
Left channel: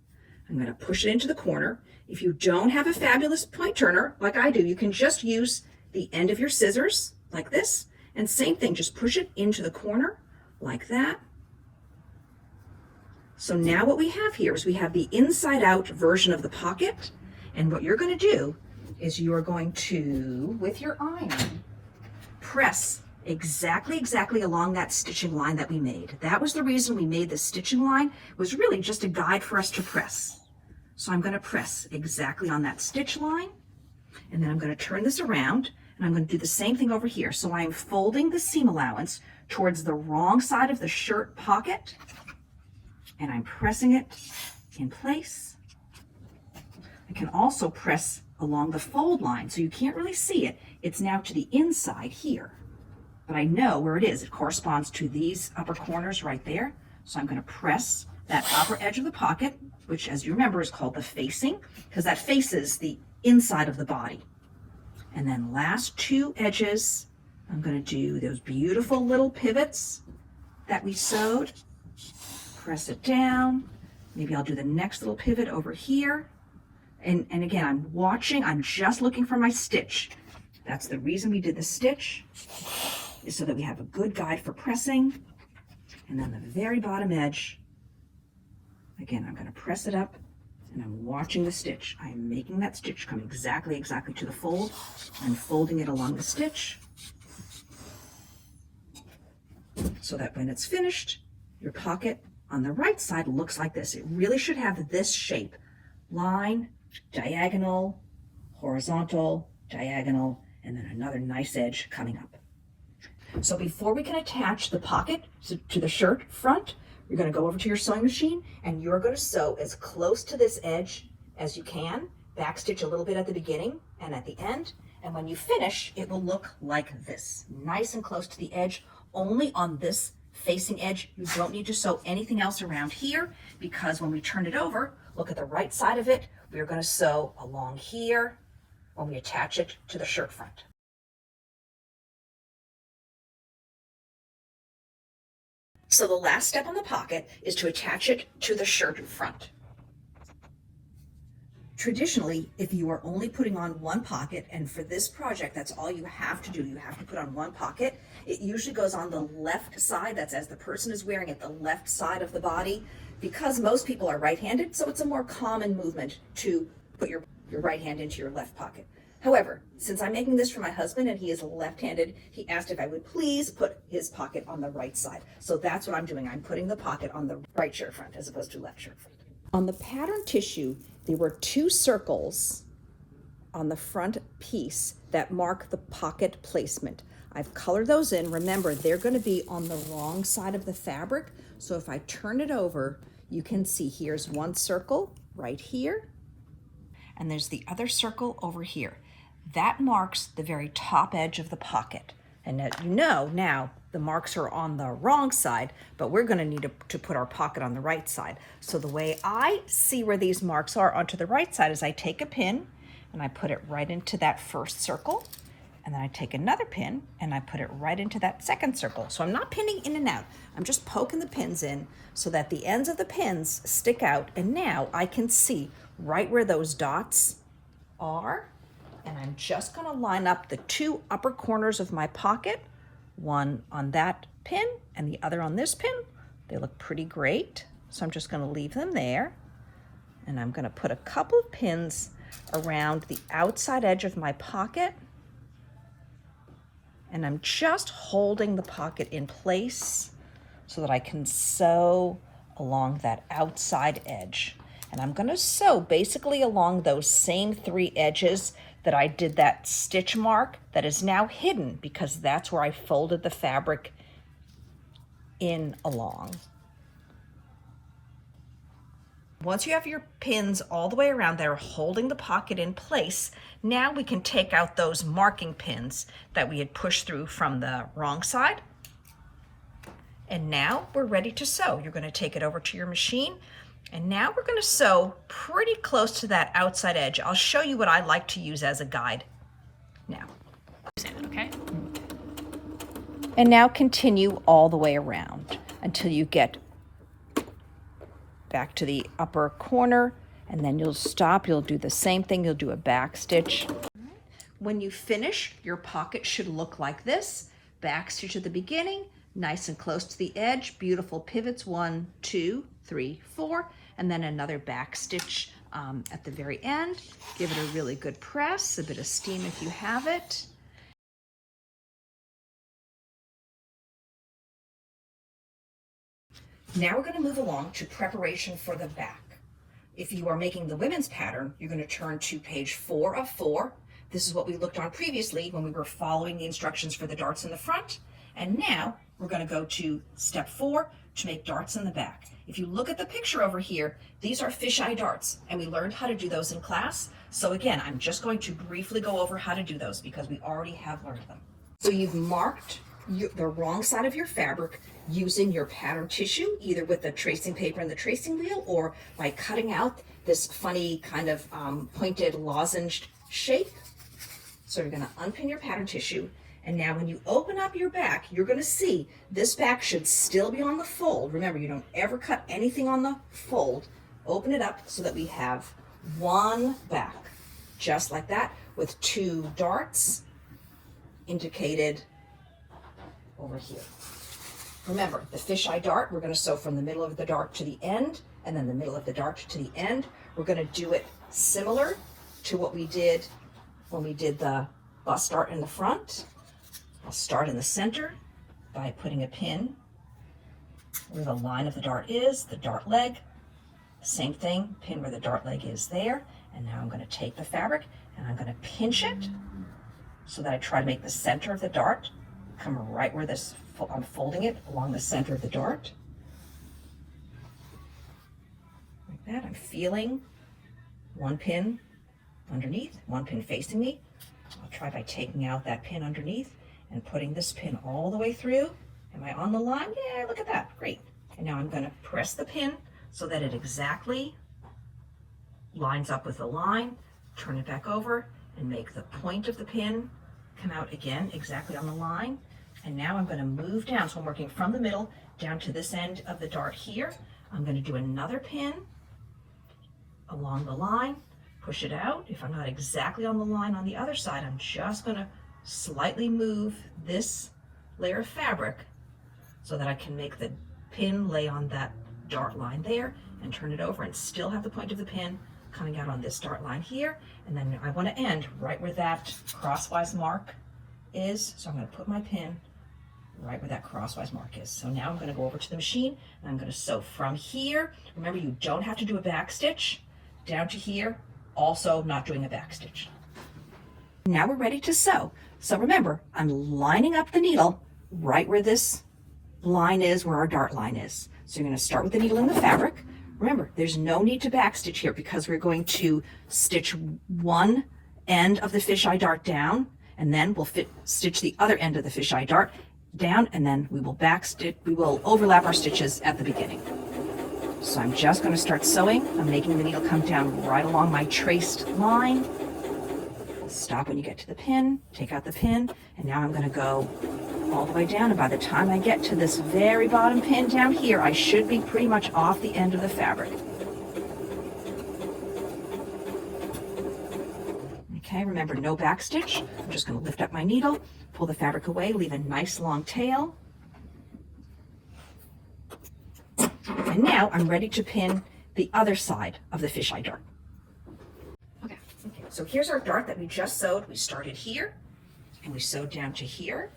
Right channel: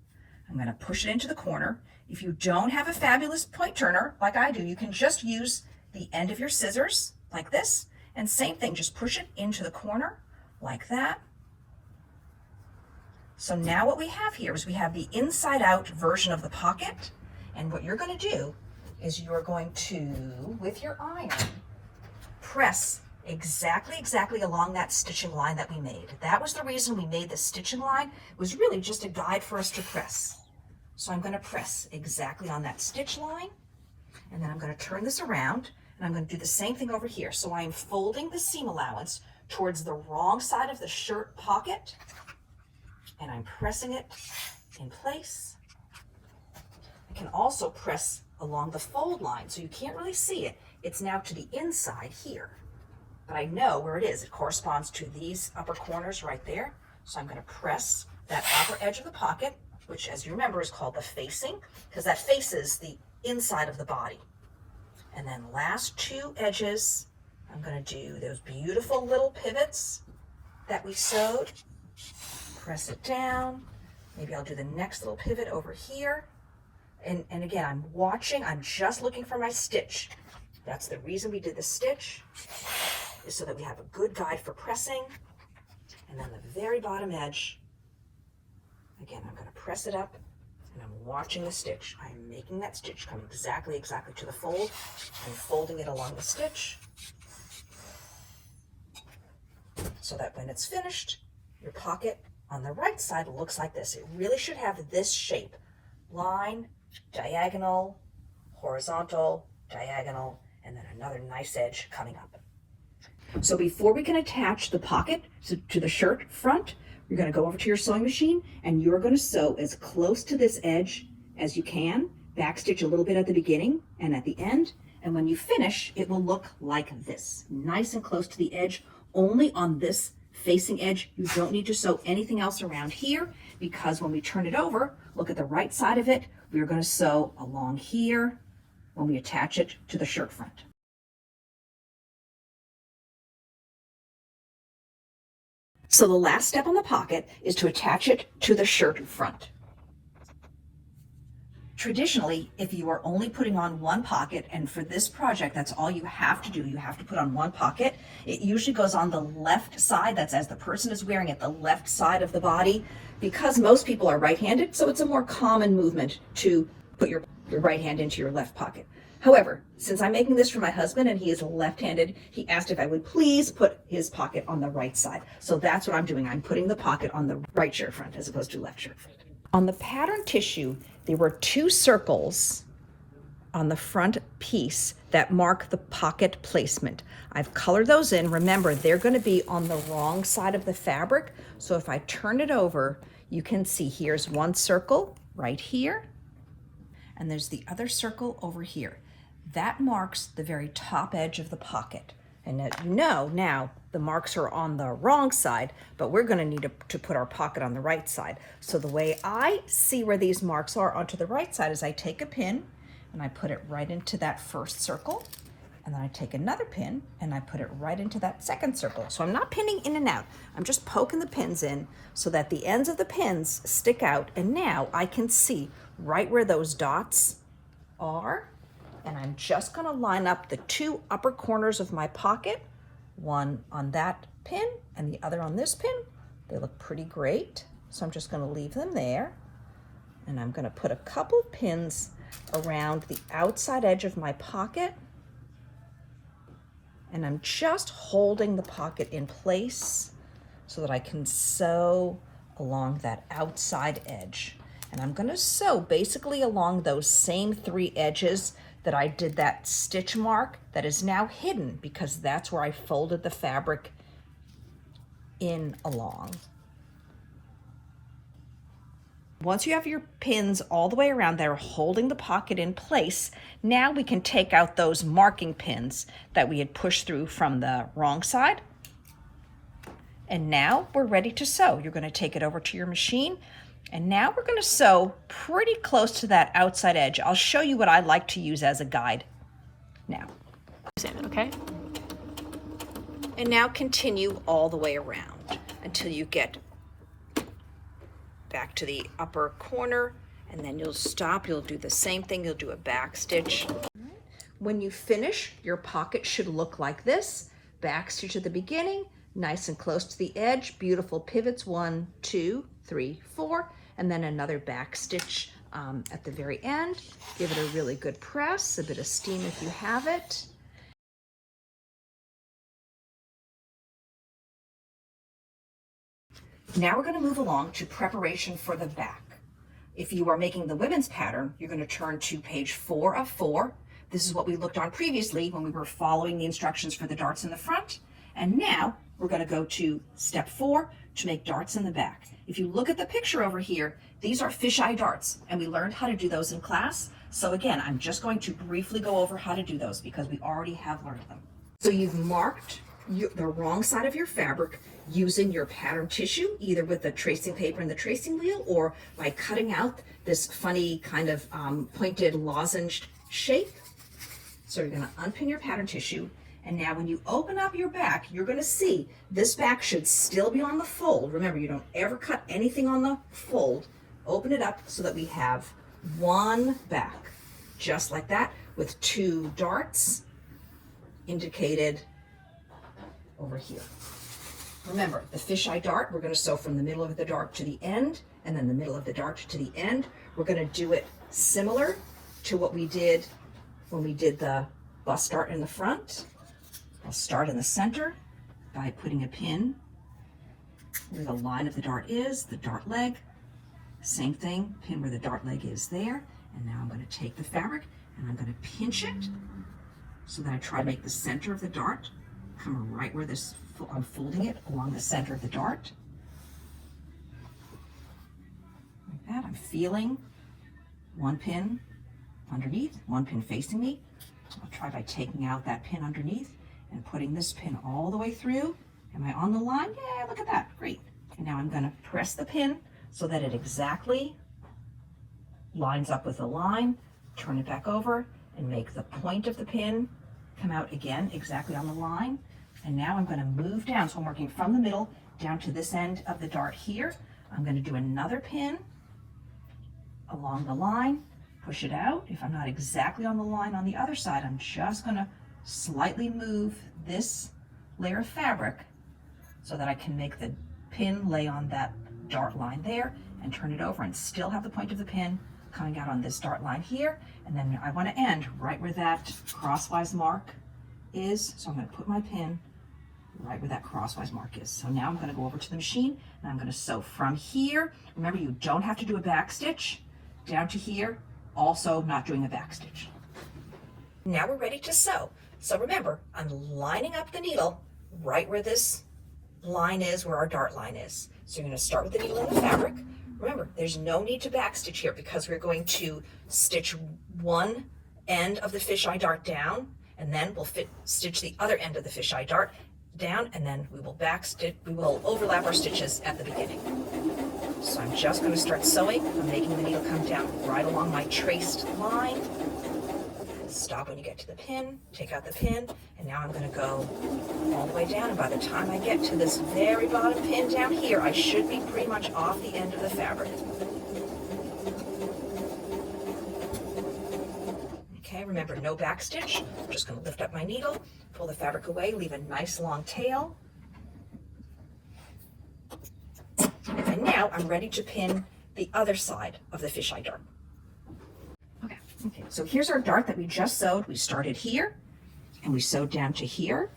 I'm going to push it into the corner. If you don't have a fabulous point turner like I do, you can just use the end of your scissors like this. And same thing, just push it into the corner like that. So now what we have here is we have the inside out version of the pocket. And what you're going to do is you're going to, with your iron, press exactly along that stitching line that we made. That was the reason we made the stitching line, was really just a guide for us to press. So I'm going to press exactly on that stitch line, and then I'm going to turn this around, and I'm going to do the same thing over here. So I'm folding the seam allowance towards the wrong side of the shirt pocket, and I'm pressing it in place. I can also press along the fold line, so you can't really see it. It's now to the inside here, but I know where it is. It corresponds to these upper corners right there. So I'm going to press that upper edge of the pocket, which as you remember is called the facing, because that faces the inside of the body. And then last 2 edges, I'm going to do those beautiful little pivots that we sewed. Press it down. Maybe I'll do the next little pivot over here. And again, I'm watching, I'm just looking for my stitch. That's the reason we did the stitch, is so that we have a good guide for pressing. And then the very bottom edge, again, I'm going to press it up, and I'm watching the stitch. I'm making that stitch come exactly to the fold. I'm folding it along the stitch, so that when it's finished, your pocket on the right side looks like this. It really should have this shape: line, diagonal, horizontal, diagonal, and then another nice edge coming up. So before we can attach the pocket to the shirt front, you're going to go over to your sewing machine, and you're going to sew as close to this edge as you can. Backstitch a little bit at the beginning and at the end, and when you finish, it will look like this, nice and close to the edge. Only on this facing edge. You don't need to sew anything else around here, because when we turn it over, look at the right side of it, we're going to sew along here when we attach it to the shirt front. So the last step on the pocket is to attach it to the shirt front. Traditionally, if you are only putting on one pocket, and for this project, that's all you have to do, you have to put on one pocket, it usually goes on the left side, that's as the person is wearing it, the left side of the body, because most people are right-handed, so it's a more common movement to put your right hand into your left pocket. However, since I'm making this for my husband and he is left-handed, he asked if I would please put his pocket on the right side. So that's what I'm doing. I'm putting the pocket on the right shirt front as opposed to left shirt front. On the pattern tissue, there were 2 circles on the front piece that mark the pocket placement. I've colored those in. Remember, they're going to be on the wrong side of the fabric. So if I turn it over, you can see here's one circle right here, and there's the other circle over here. That marks the very top edge of the pocket. And as you know, now the marks are on the wrong side, but we're going to need to put our pocket on the right side. So the way I see where these marks are onto the right side is I take a pin and I put it right into that first circle, and then I take another pin and I put it right into that second circle. So I'm not pinning in and out. I'm just poking the pins in so that the ends of the pins stick out, and now I can see right where those dots are. And I'm just going to line up the 2 upper corners of my pocket, one on that pin and the other on this pin. They look pretty great. So I'm just going to leave them there. And I'm going to put a couple of pins around the outside edge of my pocket. And I'm just holding the pocket in place so that I can sew along that outside edge. And I'm going to sew basically along those same 3 edges that I did that stitch mark that is now hidden because that's where I folded the fabric in along. Once you have your pins all the way around there holding the pocket in place, now we can take out those marking pins that we had pushed through from the wrong side. And now we're ready to sew. You're going to take it over to your machine. And now we're going to sew pretty close to that outside edge. I'll show you what I like to use as a guide now. Okay? And now continue all the way around until you get back to the upper corner, and then you'll stop. You'll do the same thing. You'll do a back stitch. When you finish, your pocket should look like this. Back stitch at the beginning, nice and close to the edge, beautiful pivots, 1, 2, 3, 4. And then another back stitch at the very end. Give it a really good press, a bit of steam if you have it. Now we're going to move along to preparation for the back. If you are making the women's pattern, you're going to turn to page 4 of 4. This is what we looked on previously when we were following the instructions for the darts in the front. And now we're going to go to step 4 to make darts in the back. If you look at the picture over here, these are fisheye darts, and we learned how to do those in class. So again, I'm just going to briefly go over how to do those because we already have learned them. So you've marked the wrong side of your fabric using your pattern tissue, either with the tracing paper and the tracing wheel or by cutting out this funny kind of pointed lozenged shape. So you're going to unpin your pattern tissue. And now when you open up your back, you're going to see this back should still be on the fold. Remember, you don't ever cut anything on the fold. Open it up so that we have one back, just like that, with 2 darts indicated over here. Remember, the fisheye dart, we're going to sew from the middle of the dart to the end, and then the middle of the dart to the end. We're going to do it similar to what we did when we did the bust dart in the front. I'll start in the center by putting a pin where the line of the dart is, the dart leg. Same thing, pin where the dart leg is there. And now I'm going to take the fabric and I'm going to pinch it so that I try to make the center of the dart come right where this, I'm folding it along the center of the dart. Like that. I'm feeling one pin underneath, one pin facing me. I'll try by taking out that pin underneath and putting this pin all the way through. Am I on the line? Yeah, look at that. Great. And now I'm going to press the pin so that it exactly lines up with the line. Turn it back over and make the point of the pin come out again exactly on the line. And now I'm going to move down. So I'm working from the middle down to this end of the dart here. I'm going to do another pin along the line, push it out. If I'm not exactly on the line on the other side, I'm just gonna slightly move this layer of fabric so that I can make the pin lay on that dart line there and turn it over and still have the point of the pin coming out on this dart line here. And then I want to end right where that crosswise mark is. So I'm going to put my pin right where that crosswise mark is. So now I'm going to go over to the machine and I'm going to sew from here. Remember, you don't have to do a back stitch down to here. Also not doing a back stitch. Now we're ready to sew. So remember, I'm lining up the needle right where this line is, where our dart line is. So you're going to start with the needle in the fabric. Remember, there's no need to back stitch here because we're going to stitch one end of the fisheye dart down, and then we'll stitch the other end of the fisheye dart down, and then we will overlap our stitches at the beginning. So I'm just going to start sewing. I'm making the needle come down right along my traced line. Stop when you get to the pin, take out the pin, and now I'm going to go all the way down, and by the time I get to this very bottom pin down here, I should be pretty much off the end of the fabric. Okay, remember, no back stitch. I'm just going to lift up my needle, pull the fabric away, leave a nice long tail. And now I'm ready to pin the other side of the fisheye dart. Okay, so here's our dart that we just sewed. We started here and we sewed down to here.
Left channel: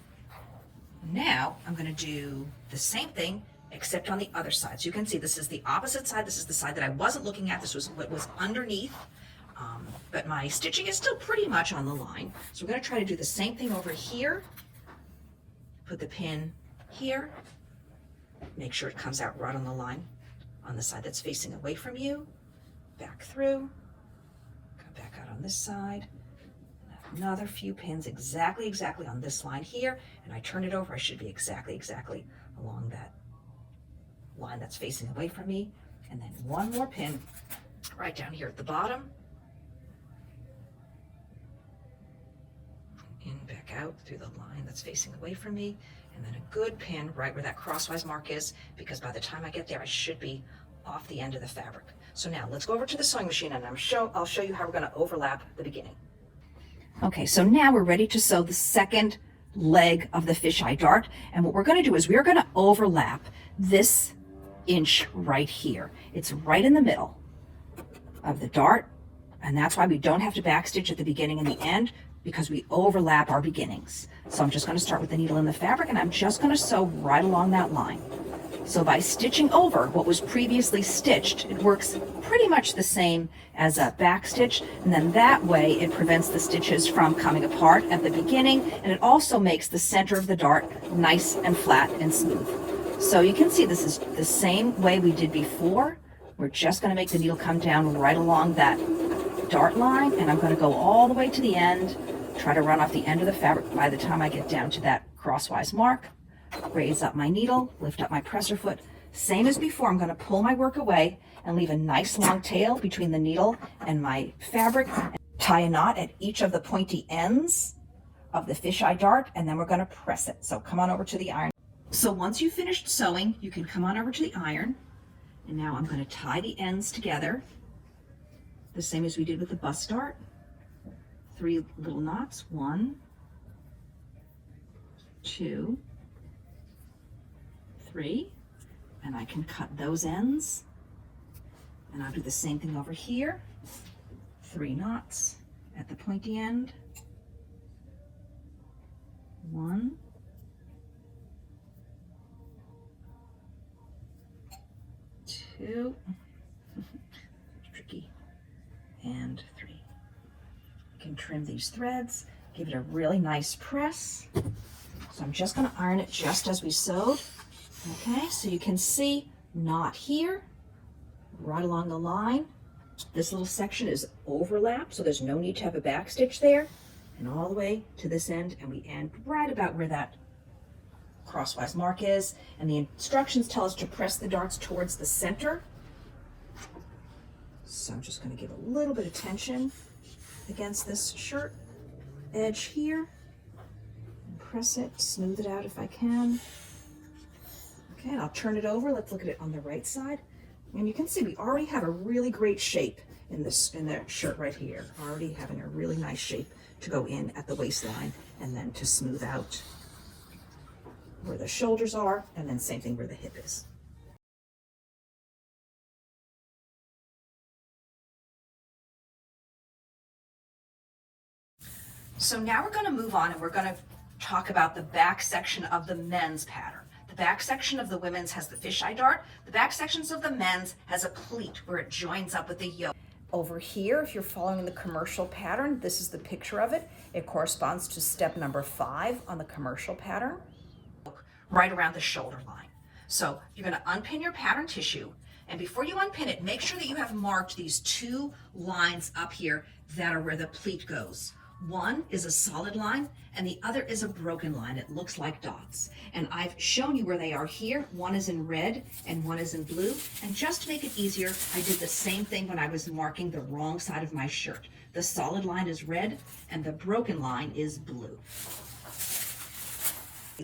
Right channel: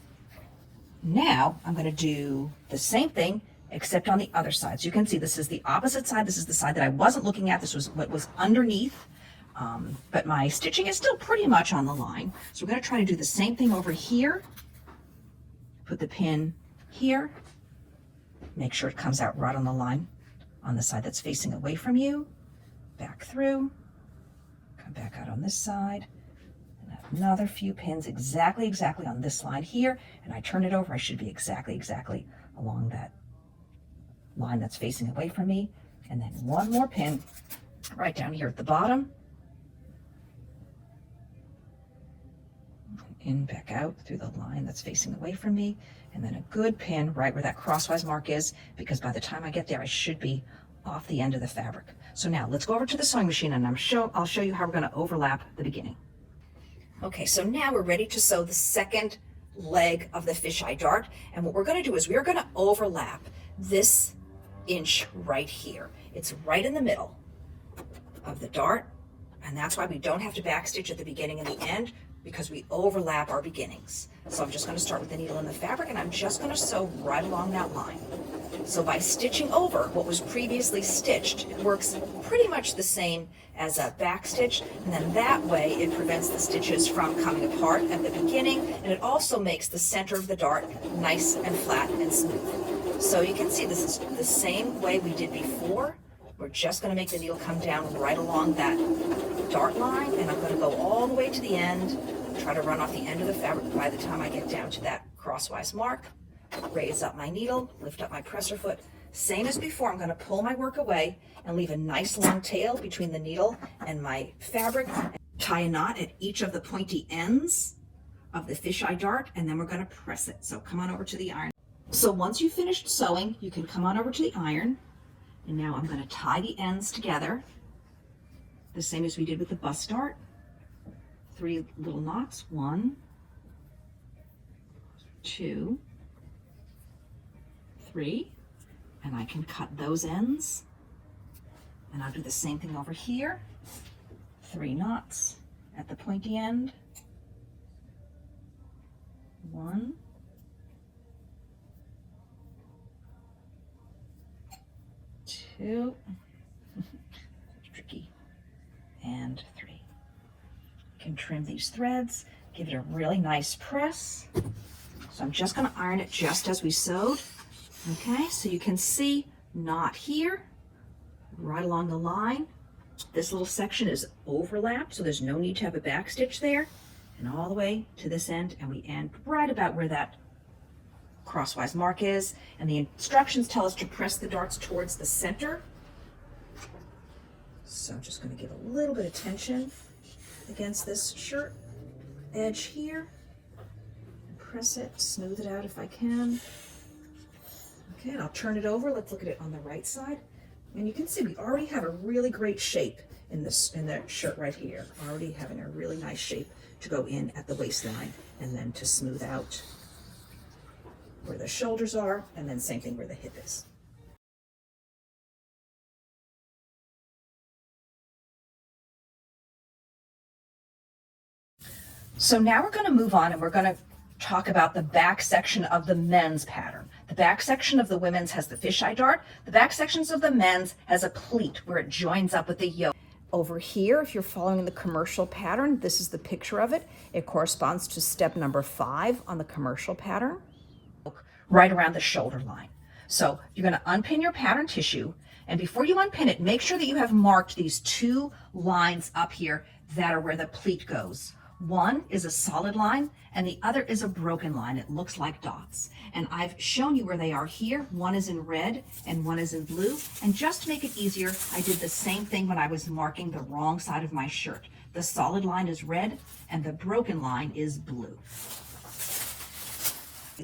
Now I'm going to do the same thing except on the other side. So you can see this is the opposite side. This is the side that I wasn't looking at. This was what was underneath, but my stitching is still pretty much on the line. So we're going to try to do the same thing over here. Put the pin here. Make sure it comes out right on the line on the side that's facing away from you. Back through. Come back out on this side. And another few pins exactly on this line here. And I turn it over. I should be exactly along that line that's facing away from me. And then one more pin right down here at the bottom. In, back out through the line that's facing away from me. And then a good pin right where that crosswise mark is, because by the time I get there, I should be off the end of the fabric. So now let's go over to the sewing machine and I'll show you how we're going to overlap the beginning. Okay, so now we're ready to sew the second leg of the fisheye dart. And what we're going to do is we're going to overlap this inch right here. It's right in the middle of the dart. And that's why we don't have to backstitch at the beginning and the end, because we overlap our beginnings. So I'm just going to start with the needle in the fabric and I'm just going to sew right along that line. So by stitching over what was previously stitched, it works pretty much the same as a back stitch, and then that way it prevents the stitches from coming apart at the beginning, and it also makes the center of the dart nice and flat and smooth. So you can see this is the same way we did before. We're just going to make the needle come down right along that dart line, and I'm going to go all the way to the end, try to run off the end of the fabric by the time I get down to that crosswise mark. Raise up my needle, lift up my presser foot. Same as before, I'm going to pull my work away and leave a nice long tail between the needle and my fabric. Tie a knot at each of the pointy ends of the fisheye dart, and then we're going to press it. So come on over to the iron. So once you've finished sewing, you can come on over to the iron. And now I'm going to tie the ends together, the same as we did with the bust dart. 3 little knots, 1, 2, 3, and I can cut those ends, and I'll do the same thing over here. 3 knots at the pointy end, 1, 2, tricky, and 3. You can trim these threads, give it a really nice press. So I'm just going to iron it just as we sewed. Okay, so you can see knot here, right along the line. This little section is overlapped, so there's no need to have a back stitch there. And all the way to this end, and we end right about where that crosswise mark is. And the instructions tell us to press the darts towards the center. So I'm just going to give a little bit of tension against this shirt edge here. And press it, smooth it out if I can. Okay, and I'll turn it over. Let's look at it on the right side. And you can see we already have a really great shape in the shirt right here. Already having a really nice shape to go in at the waistline and then to smooth out where the shoulders are, and then same thing where the hip is. So now we're going to move on and we're going to talk about the back section of the men's pattern. The back section of the women's has the fisheye dart. The back sections of the men's has a pleat where it joins up with the yoke. Over here, if you're following the commercial pattern, this is the picture of it. It corresponds to step number 5 on the commercial pattern. Right around the shoulder line. So you're going to unpin your pattern tissue, and before you unpin it, make sure that you have marked these 2 lines up here that are where the pleat goes. One is a solid line and the other is a broken line. It looks like dots. And I've shown you where they are here. One is in red and one is in blue. And just to make it easier, I did the same thing when I was marking the wrong side of my shirt. The solid line is red and the broken line is blue.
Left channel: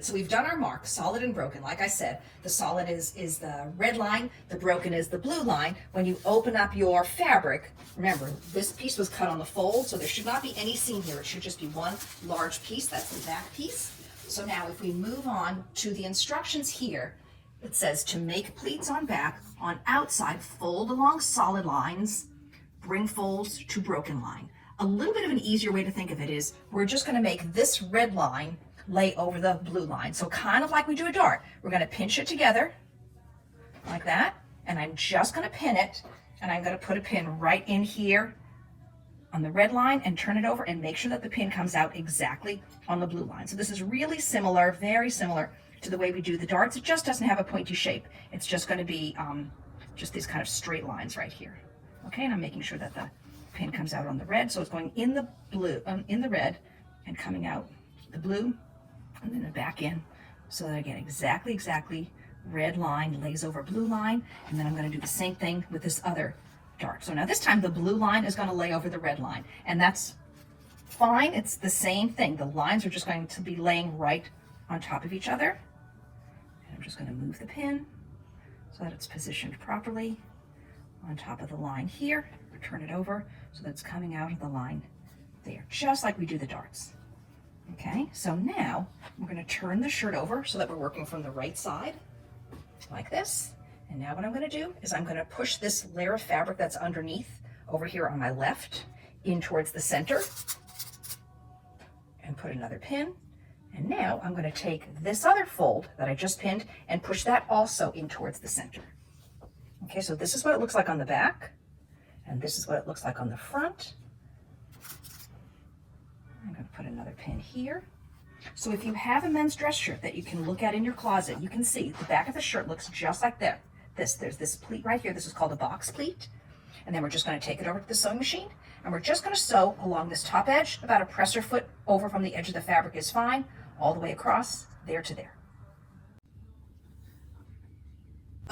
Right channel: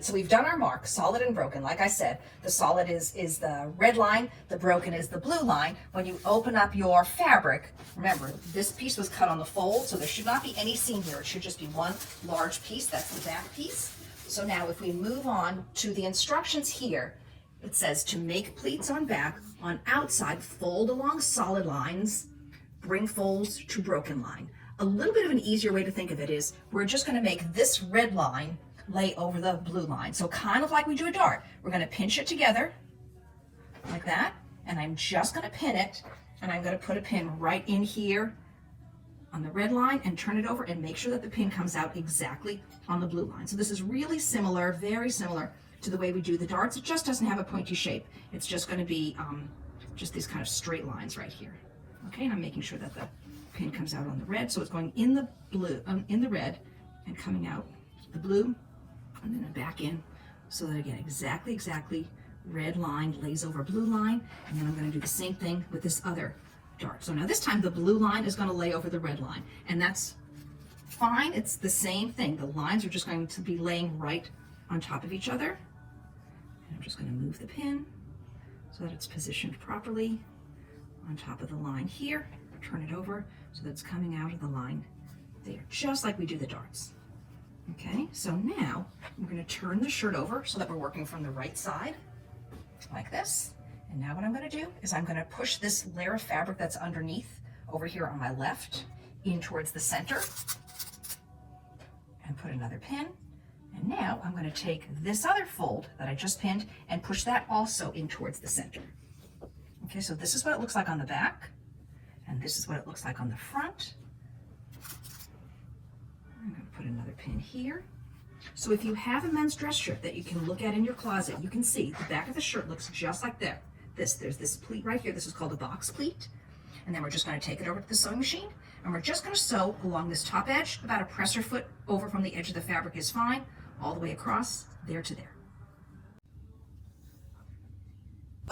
So we've done our mark, solid and broken. Like I said, the solid is the red line, the broken is the blue line. When you open up your fabric, remember, this piece was cut on the fold, so there should not be any seam here. It should just be one large piece. That's the back piece. So now if we move on to the instructions here, it says to make pleats on back, on outside, fold along solid lines, bring folds to broken line. A little bit of an easier way to think of it is we're just going to make this red line lay over the blue line. So kind of like we do a dart. We're going to pinch it together like that, and I'm just going to pin it, and I'm going to put a pin right in here on the red line and turn it over and make sure that the pin comes out exactly on the blue line. So this is really similar, very similar to the way we do the darts. It just doesn't have a pointy shape. It's just going to be just these kind of straight lines right here. Okay, and I'm making sure that the pin comes out on the red, so it's going in the blue, in the red, and coming out the blue, and then back in, so that again, exactly red line lays over blue line, and then I'm going to do the same thing with this other dart. So now this time the blue line is going to lay over the red line, and that's fine. It's the same thing. The lines are just going to be laying right on top of each other. And I'm just going to move the pin so that it's positioned properly on top of the line here. Turn it over so that it's coming out of the line there, just like we do the darts. Okay, so now we're going to turn the shirt over so that we're working from the right side, like this. And now what I'm going to do is I'm going to push this layer of fabric that's underneath over here on my left in towards the center and put another pin. And now I'm going to take this other fold that I just pinned and push that also in towards the center. Okay, so this is what it looks like on the back, and this is what it looks like on the front. I'm going to put another pin here. So if you have a men's dress shirt that you can look at in your closet, you can see the back of the shirt looks just like that. There's this pleat right here. This is called a box pleat. And then we're just going to take it over to the sewing machine, and we're just going to sew along this top edge. About a presser foot over from the edge of the fabric is fine, all the way across there to there.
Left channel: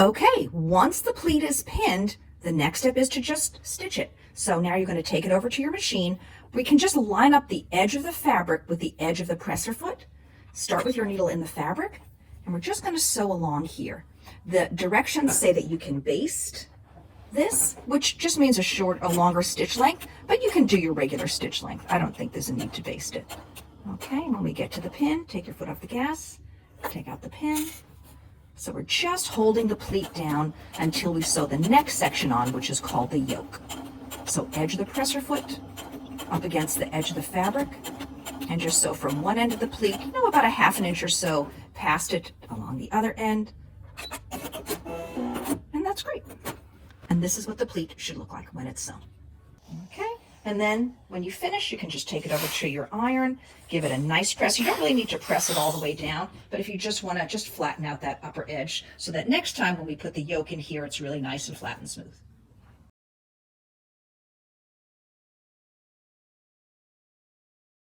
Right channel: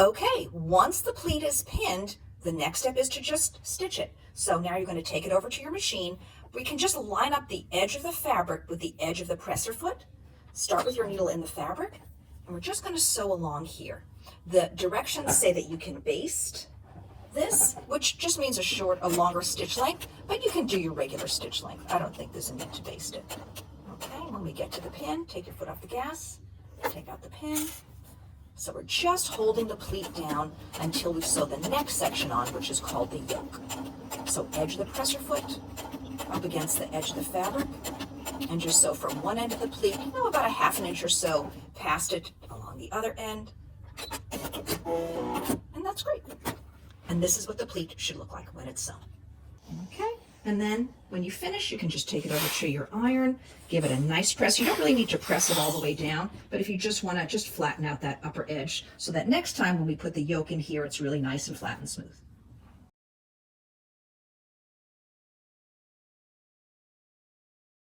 Okay, once the pleat is pinned, the next step is to just stitch it. So now you're going to take it over to your machine. We can just line up the edge of the fabric with the edge of the presser foot. Start with your needle in the fabric, and we're just going to sew along here. The directions say that you can baste this, which just means a longer stitch length, but you can do your regular stitch length. I don't think there's a need to baste it. Okay, when we get to the pin, take your foot off the gas, take out the pin. So we're just holding the pleat down until we sew the next section on, which is called the yoke. So edge of the presser foot up against the edge of the fabric, and just sew from one end of the pleat, about a ½ inch or so past it along the other end. And that's great. And this is what the pleat should look like when it's sewn. Okay, and then when you finish, you can just take it over to your iron, give it a nice press. You don't really need to press it all the way down, but if you just want to just flatten out that upper edge so that next time when we put the yoke in here, it's really nice and flat and smooth.